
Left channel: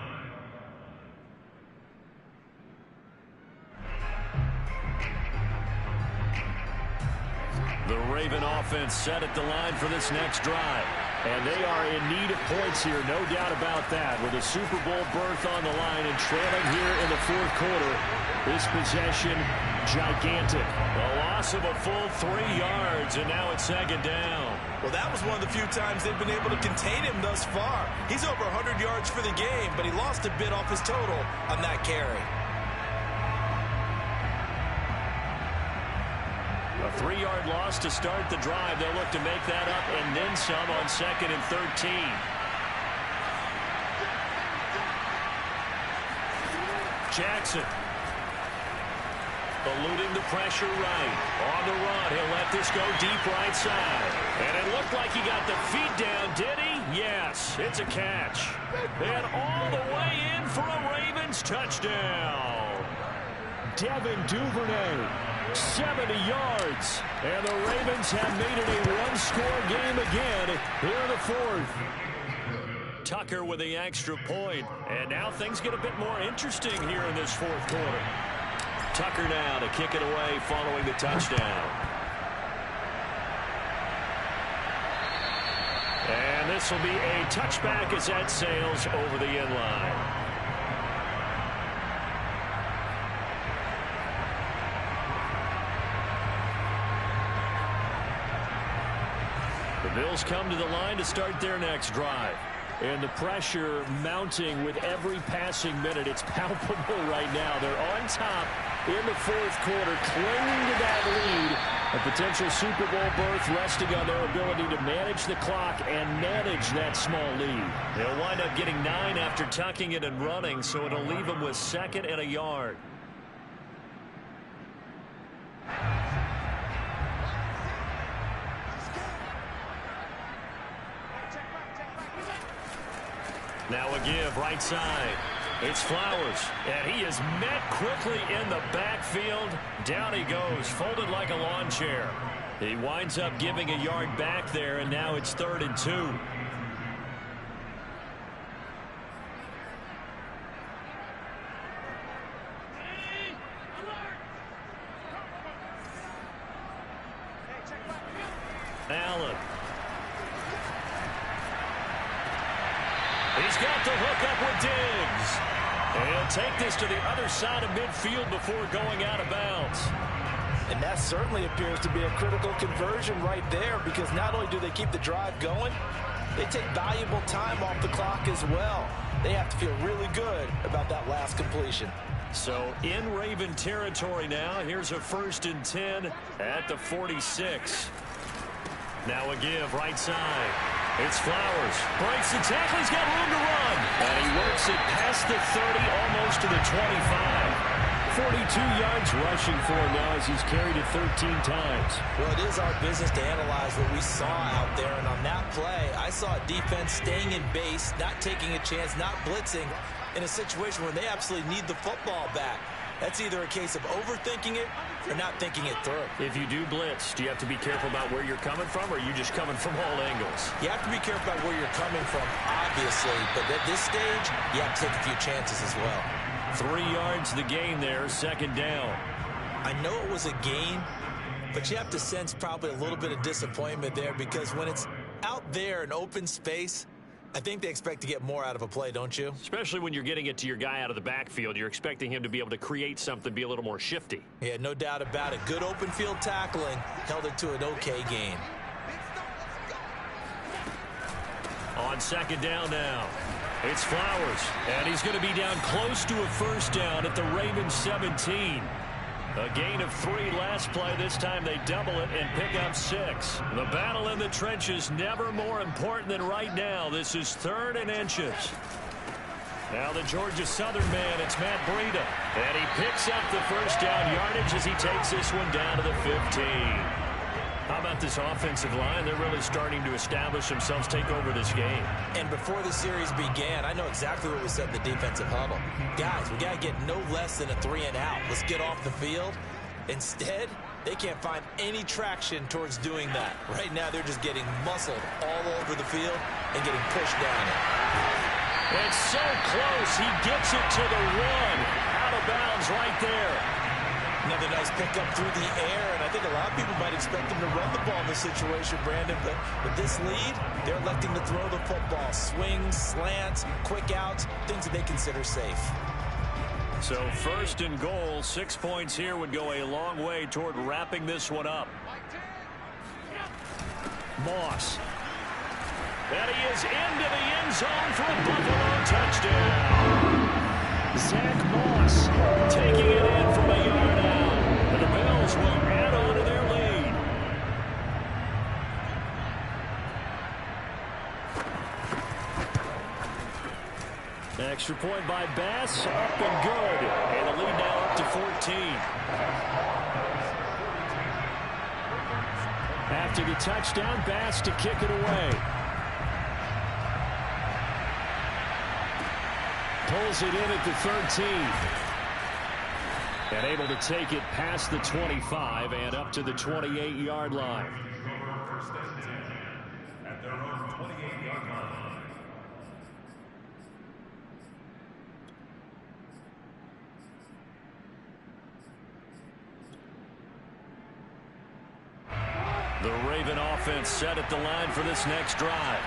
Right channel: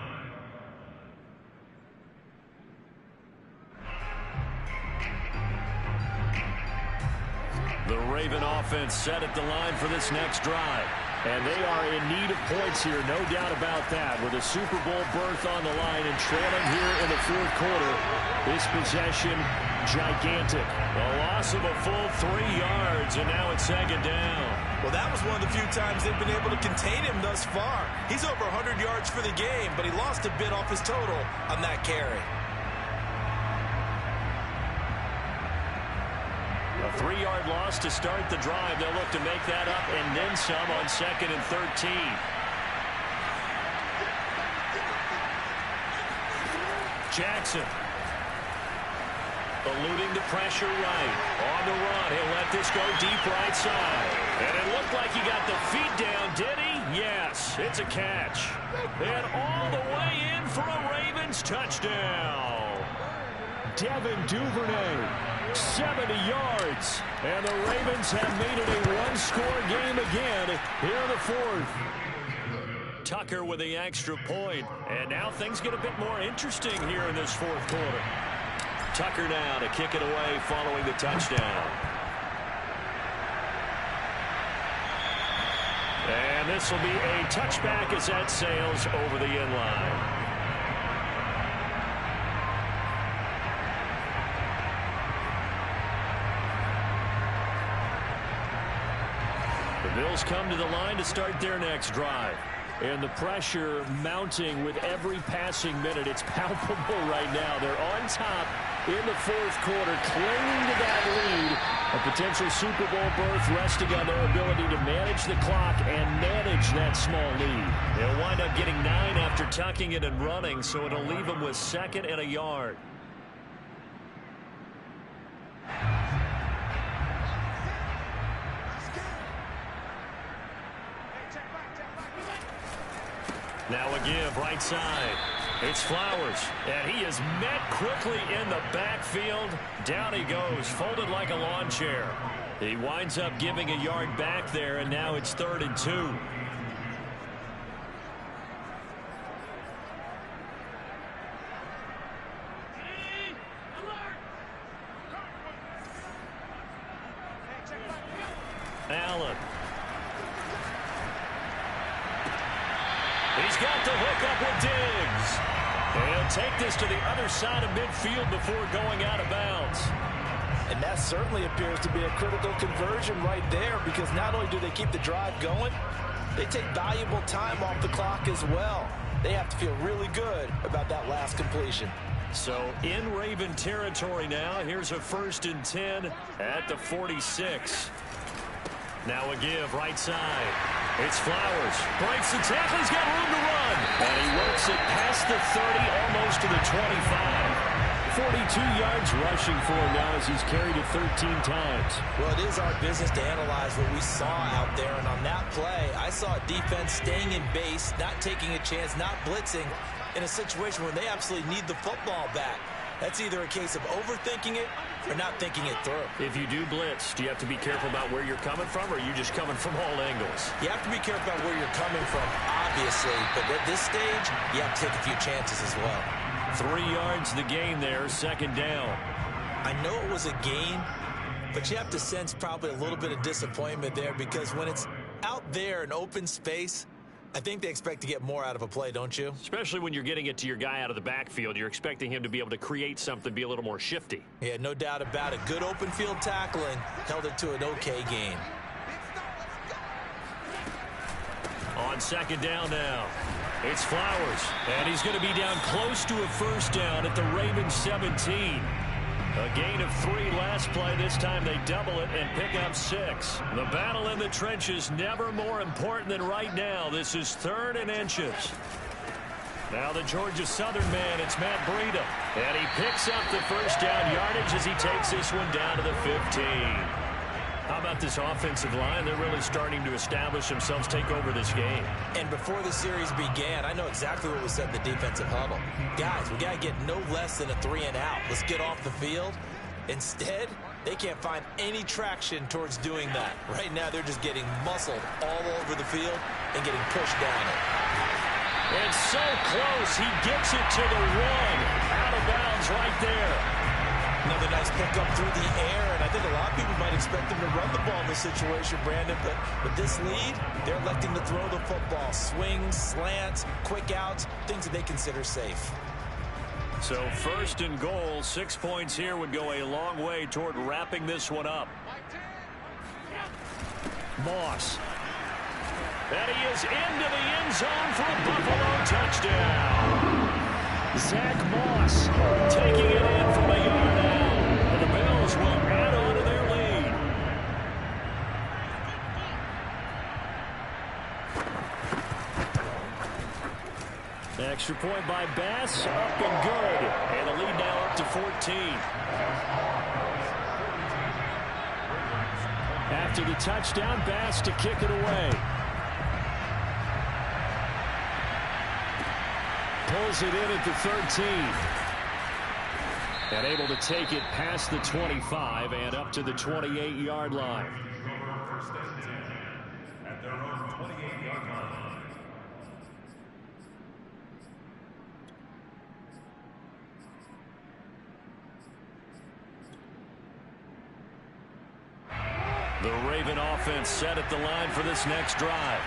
The Raven offense set at the line for this next drive. And they are in need of points here, no doubt about that. With a Super Bowl berth on the line and trailing here in the 4th quarter. This possession, gigantic. A loss of a full 3 yards, and now it's 2nd down. Well, that was one of the few times they've been able to contain him thus far. He's over 100 yards for the game, but he lost a bit off his total on that carry. A 3-yard loss to start the drive. They'll look to make that up and then some on 2nd and 13. Jackson. Eluding the pressure right. On the run. He'll let this go deep right side. And it looked like he got the feet down, did he? Yes, it's a catch. And all the way in for a Ravens touchdown. Devin Duvernay. 70 yards. And the Ravens have made it a one-score game again here in the 4th. Tucker with the extra point. And now things get a bit more interesting here in this 4th quarter. Tucker now to kick it away following the touchdown. And this will be a touchback as that sails over the end line. The Bills come to the line to start their next drive. And the pressure mounting with every passing minute. It's palpable right now. They're on top in the 4th quarter, clinging to that lead. A potential Super Bowl berth resting on their ability to manage the clock and manage that small lead. They'll wind up getting 9 after tucking it and running, so it'll leave them with 2nd and a yard. Now a give right side. It's Flowers, and he is met quickly in the backfield. Down he goes, folded like a lawn chair. He winds up giving a yard back there, and now it's 3rd and 2. Allen. He's got the hook up with Diggs. And he'll take this to the other side of midfield before going out of bounds. And that certainly appears to be a critical conversion right there, because not only do they keep the drive going, they take valuable time off the clock as well. they have to feel really good about that last completion. So in Raven territory now. Here's a 1st and 10 at the 46. Now a give right side. It's Flowers. Breaks the tackle. He's got room to run. And he works it past the 30, almost to the 25. 42 yards rushing for him now as he's carried it 13 times. Well, it is our business to analyze what we saw out there. And on that play, I saw a defense staying in base, not taking a chance, not blitzing in a situation where they absolutely need the football back. That's either a case of overthinking it or not thinking it through. If you do blitz, do you have to be careful about where you're coming from, or are you just coming from all angles? You have to be careful about where you're coming from, obviously. But at this stage, you have to take a few chances as well. 3 yards the gain there, 2nd down. I know it was a gain, but you have to sense probably a little bit of disappointment there, because when it's out there in open space, I think they expect to get more out of a play, don't you? Especially when you're getting it to your guy out of the backfield. You're expecting him to be able to create something, be a little more shifty. Yeah, no doubt about it. Good open field tackling held it to an okay gain. On 2nd down now, it's Flowers. And he's going to be down close to a 1st down at the Ravens 17. A gain of 3 last play. This time they double it and pick up 6. The battle in the trenches never more important than right now. This is 3rd and inches. Now the Georgia Southern man, it's Matt Breida. And he picks up the 1st down yardage as he takes this one down to the 15. How about this offensive line? They're really starting to establish themselves, take over this game. And before the series began, I know exactly what was said in the defensive huddle. Guys, we got to get no less than a 3 and out. Let's get off the field. Instead, they can't find any traction towards doing that. Right now, they're just getting muscled all over the field and getting pushed down it. It's so close. He gets it to the 1. Out of bounds right there. Another nice pickup through the air, and I think a lot of people might expect them to run the ball in this situation, Brandon, but with this lead, they're electing to throw the football. Swings, slants, quick outs, things that they consider safe. So 1st and goal, 6 points here would go a long way toward wrapping this one up. Moss. And he is into the end zone for a Buffalo touchdown. Zach Moss taking it in from a yard out. And the Bills will add on to their lead. Extra point by Bass, up and good. And the lead now up to 14. After the touchdown, Bass to kick it away. Pulls it in at the 13. And able to take it past the 25 and up to the 28-yard line. At their own 28-yard line. The Raven offense set at the line for this next drive.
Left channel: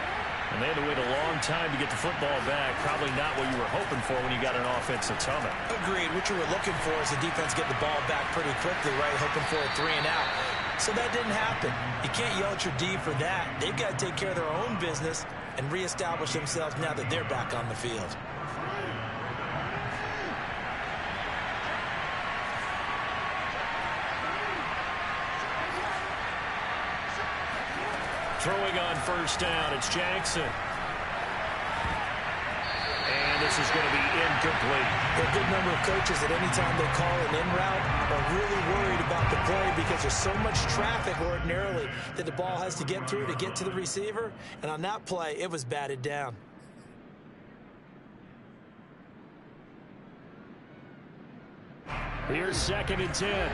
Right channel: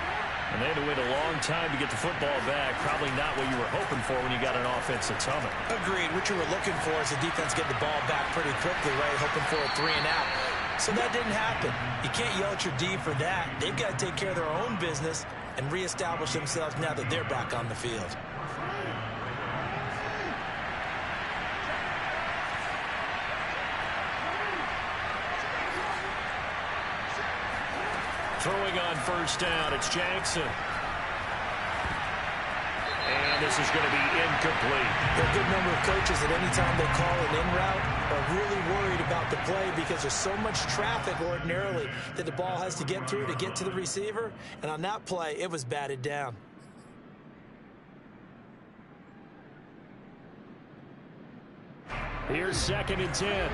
And they had to wait a long time to get the football back. Probably not what you were hoping for when you got an offense that's humming. Agreed. What you were looking for is the defense get the ball back pretty quickly, right? Hoping for a 3 and out. So that didn't happen. You can't yell at your D for that. They've got to take care of their own business and reestablish themselves now that they're back on the field. Throwing on 1st down, it's Jackson. And this is going to be incomplete. There are a good number of coaches at any time they call an in route are really worried about the play because there's so much traffic ordinarily that the ball has to get through to get to the receiver. And on that play, it was batted down. Here's 2nd and 10.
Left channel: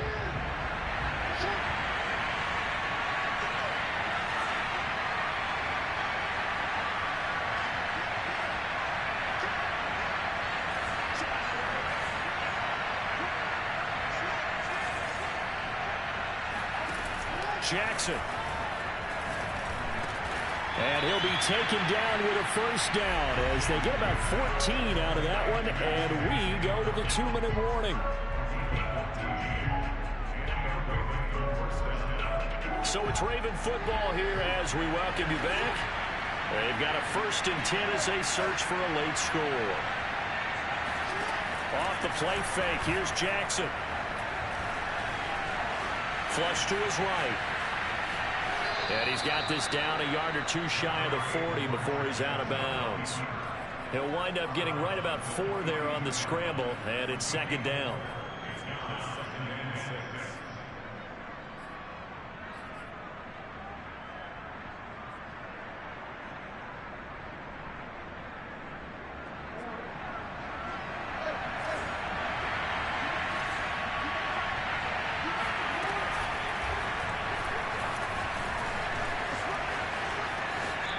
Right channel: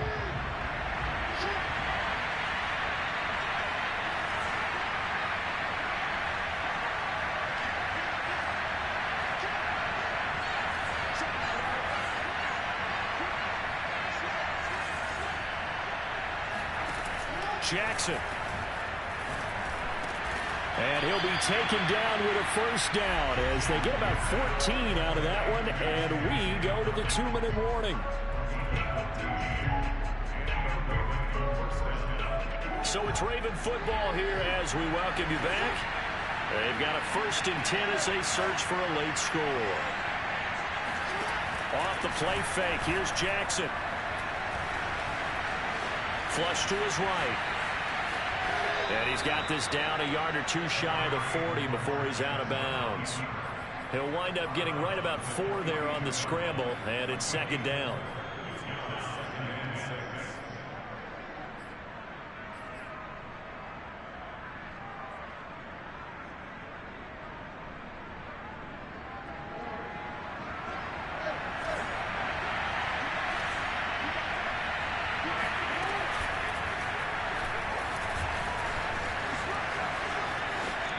Jackson. And he'll be taken down with a 1st down as they get about 14 out of that one, and we go to the 2-minute warning. So it's Raven football here as we welcome you back. They've got a 1st and 10 as they search for a late score. Off the play fake. Here's Jackson. Flush to his right. And he's got this down a yard or two shy of the 40 before he's out of bounds. He'll wind up getting right about 4 there on the scramble, and it's 2nd down.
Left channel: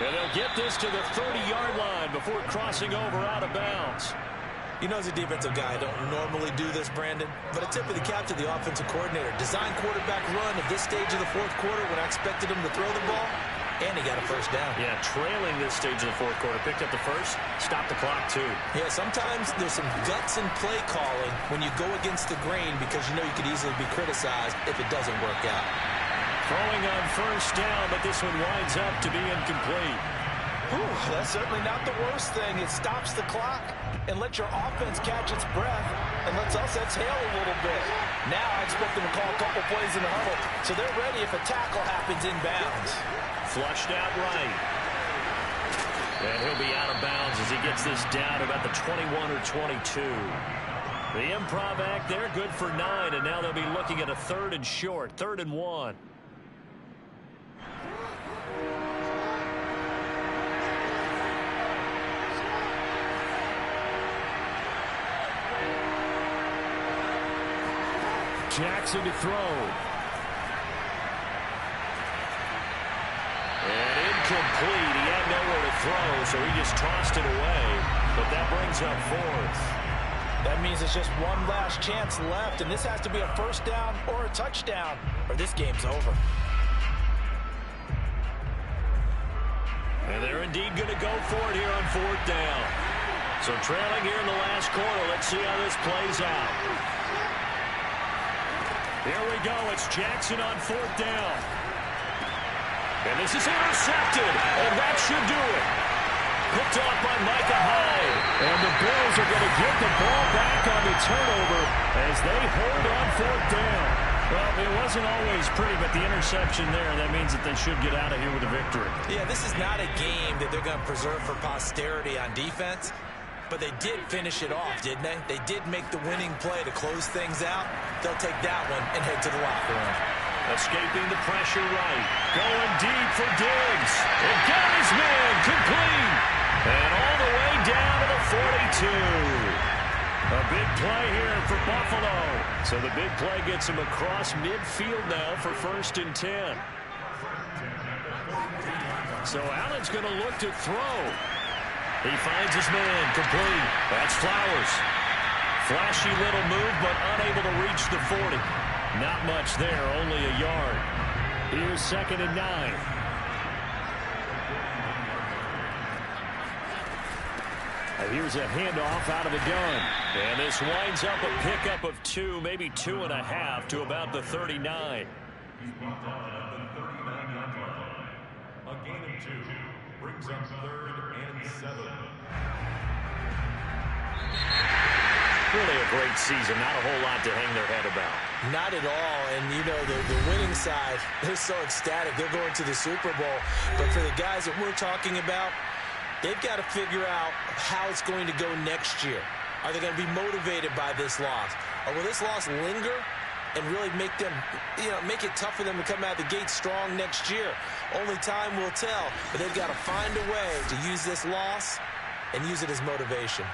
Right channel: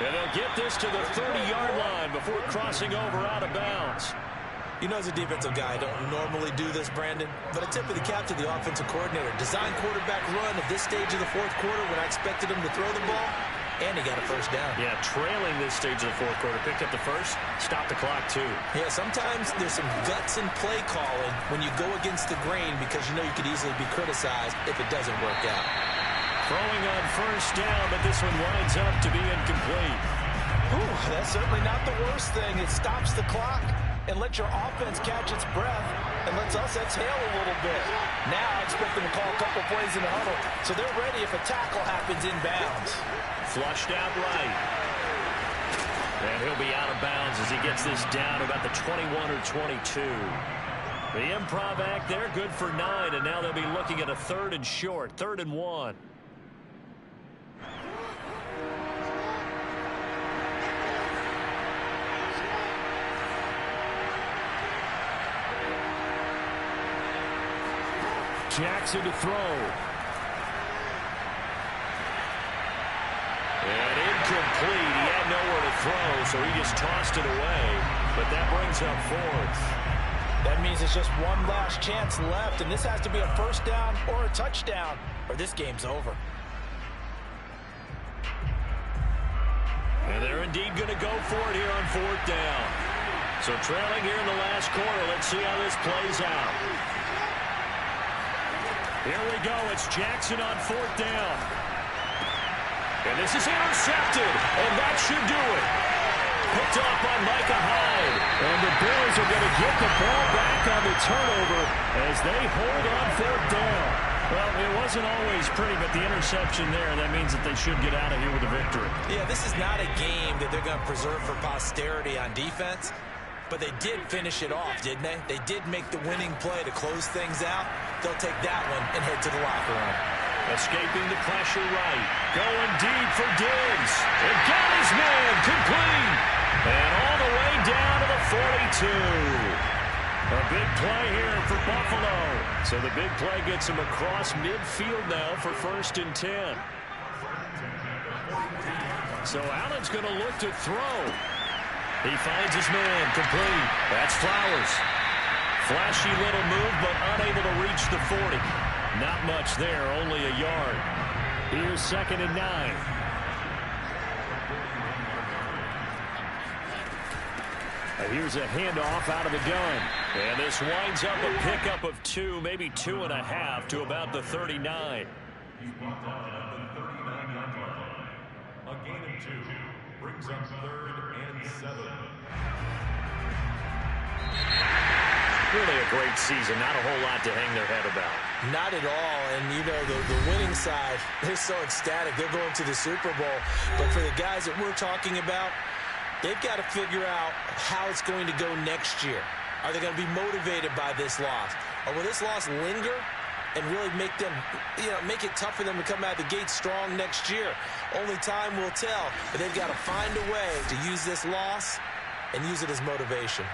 And they'll get this to the 30-yard line before crossing over out of bounds. You know, as a defensive guy, I don't normally do this, Brandon, but a tip of the cap to the offensive coordinator. Design quarterback run at this stage of the 4th quarter when I expected him to throw the ball, and he got a 1st down. Yeah, trailing this stage of the 4th quarter. Picked up the 1st, stopped the clock, too. Yeah, sometimes there's some guts in play calling when you go against the grain because you know you could easily be criticized if it doesn't work out. Throwing on 1st down, but this one winds up to be incomplete. Whew, that's certainly not the worst thing. It stops the clock and lets your offense catch its breath and lets us exhale a little bit. Now I expect them to call a couple plays in the huddle, so they're ready if a tackle happens inbounds. Flushed out right. And he'll be out of bounds as he gets this down to about the 21 or 22. The improv act there, good for 9, and now they'll be looking at a 3rd and short, 3rd and 1. Jackson to throw. And incomplete. He had nowhere to throw, so he just tossed it away. But that brings up 4th. That means it's just one last chance left, and this has to be a 1st down or a touchdown, or this game's over. And they're indeed going to go for it here on 4th down. So trailing here in the last quarter. Let's see how this plays out. Here we go. It's Jackson on 4th down. And this is intercepted, and that should do it. Picked off by Micah Hyde. And the Bills are going to get the ball back on the turnover as they hold on 4th down. Well, it wasn't always pretty, but the interception there, that means that they should get out of here with a victory. Yeah, this is not a game that they're going to preserve for posterity on defense. But they did finish it off, didn't they? They did make the winning play to close things out. They'll take that one and head to the locker room. Escaping the pressure right. Going deep for Diggs. And got his man complete. And all the way down to the 42. A big play here for Buffalo. So the big play gets him across midfield now for 1st and 10. So Allen's going to look to throw. He finds his man complete. That's Flowers. Flashy little move, but unable to reach the 40. Not much there, only a yard. Here's 2nd and 9. Here's a handoff out of the gun. And this winds up a pickup of 2, maybe 2.5 to about the 39. He's brought down at the 39-yard line. A gain of 2 brings up 3rd and 7. Really a great season. Not a whole lot to hang their head about. Not at all. And, you know, the winning side, they're so ecstatic. They're going to the Super Bowl. But for the guys that we're talking about, they've got to figure out how it's going to go next year. Are they going to be motivated by this loss? Or will this loss linger and really make them, make it tough for them to come out of the gate strong next year? Only time will tell. But they've got to find a way to use this loss and use it as motivation.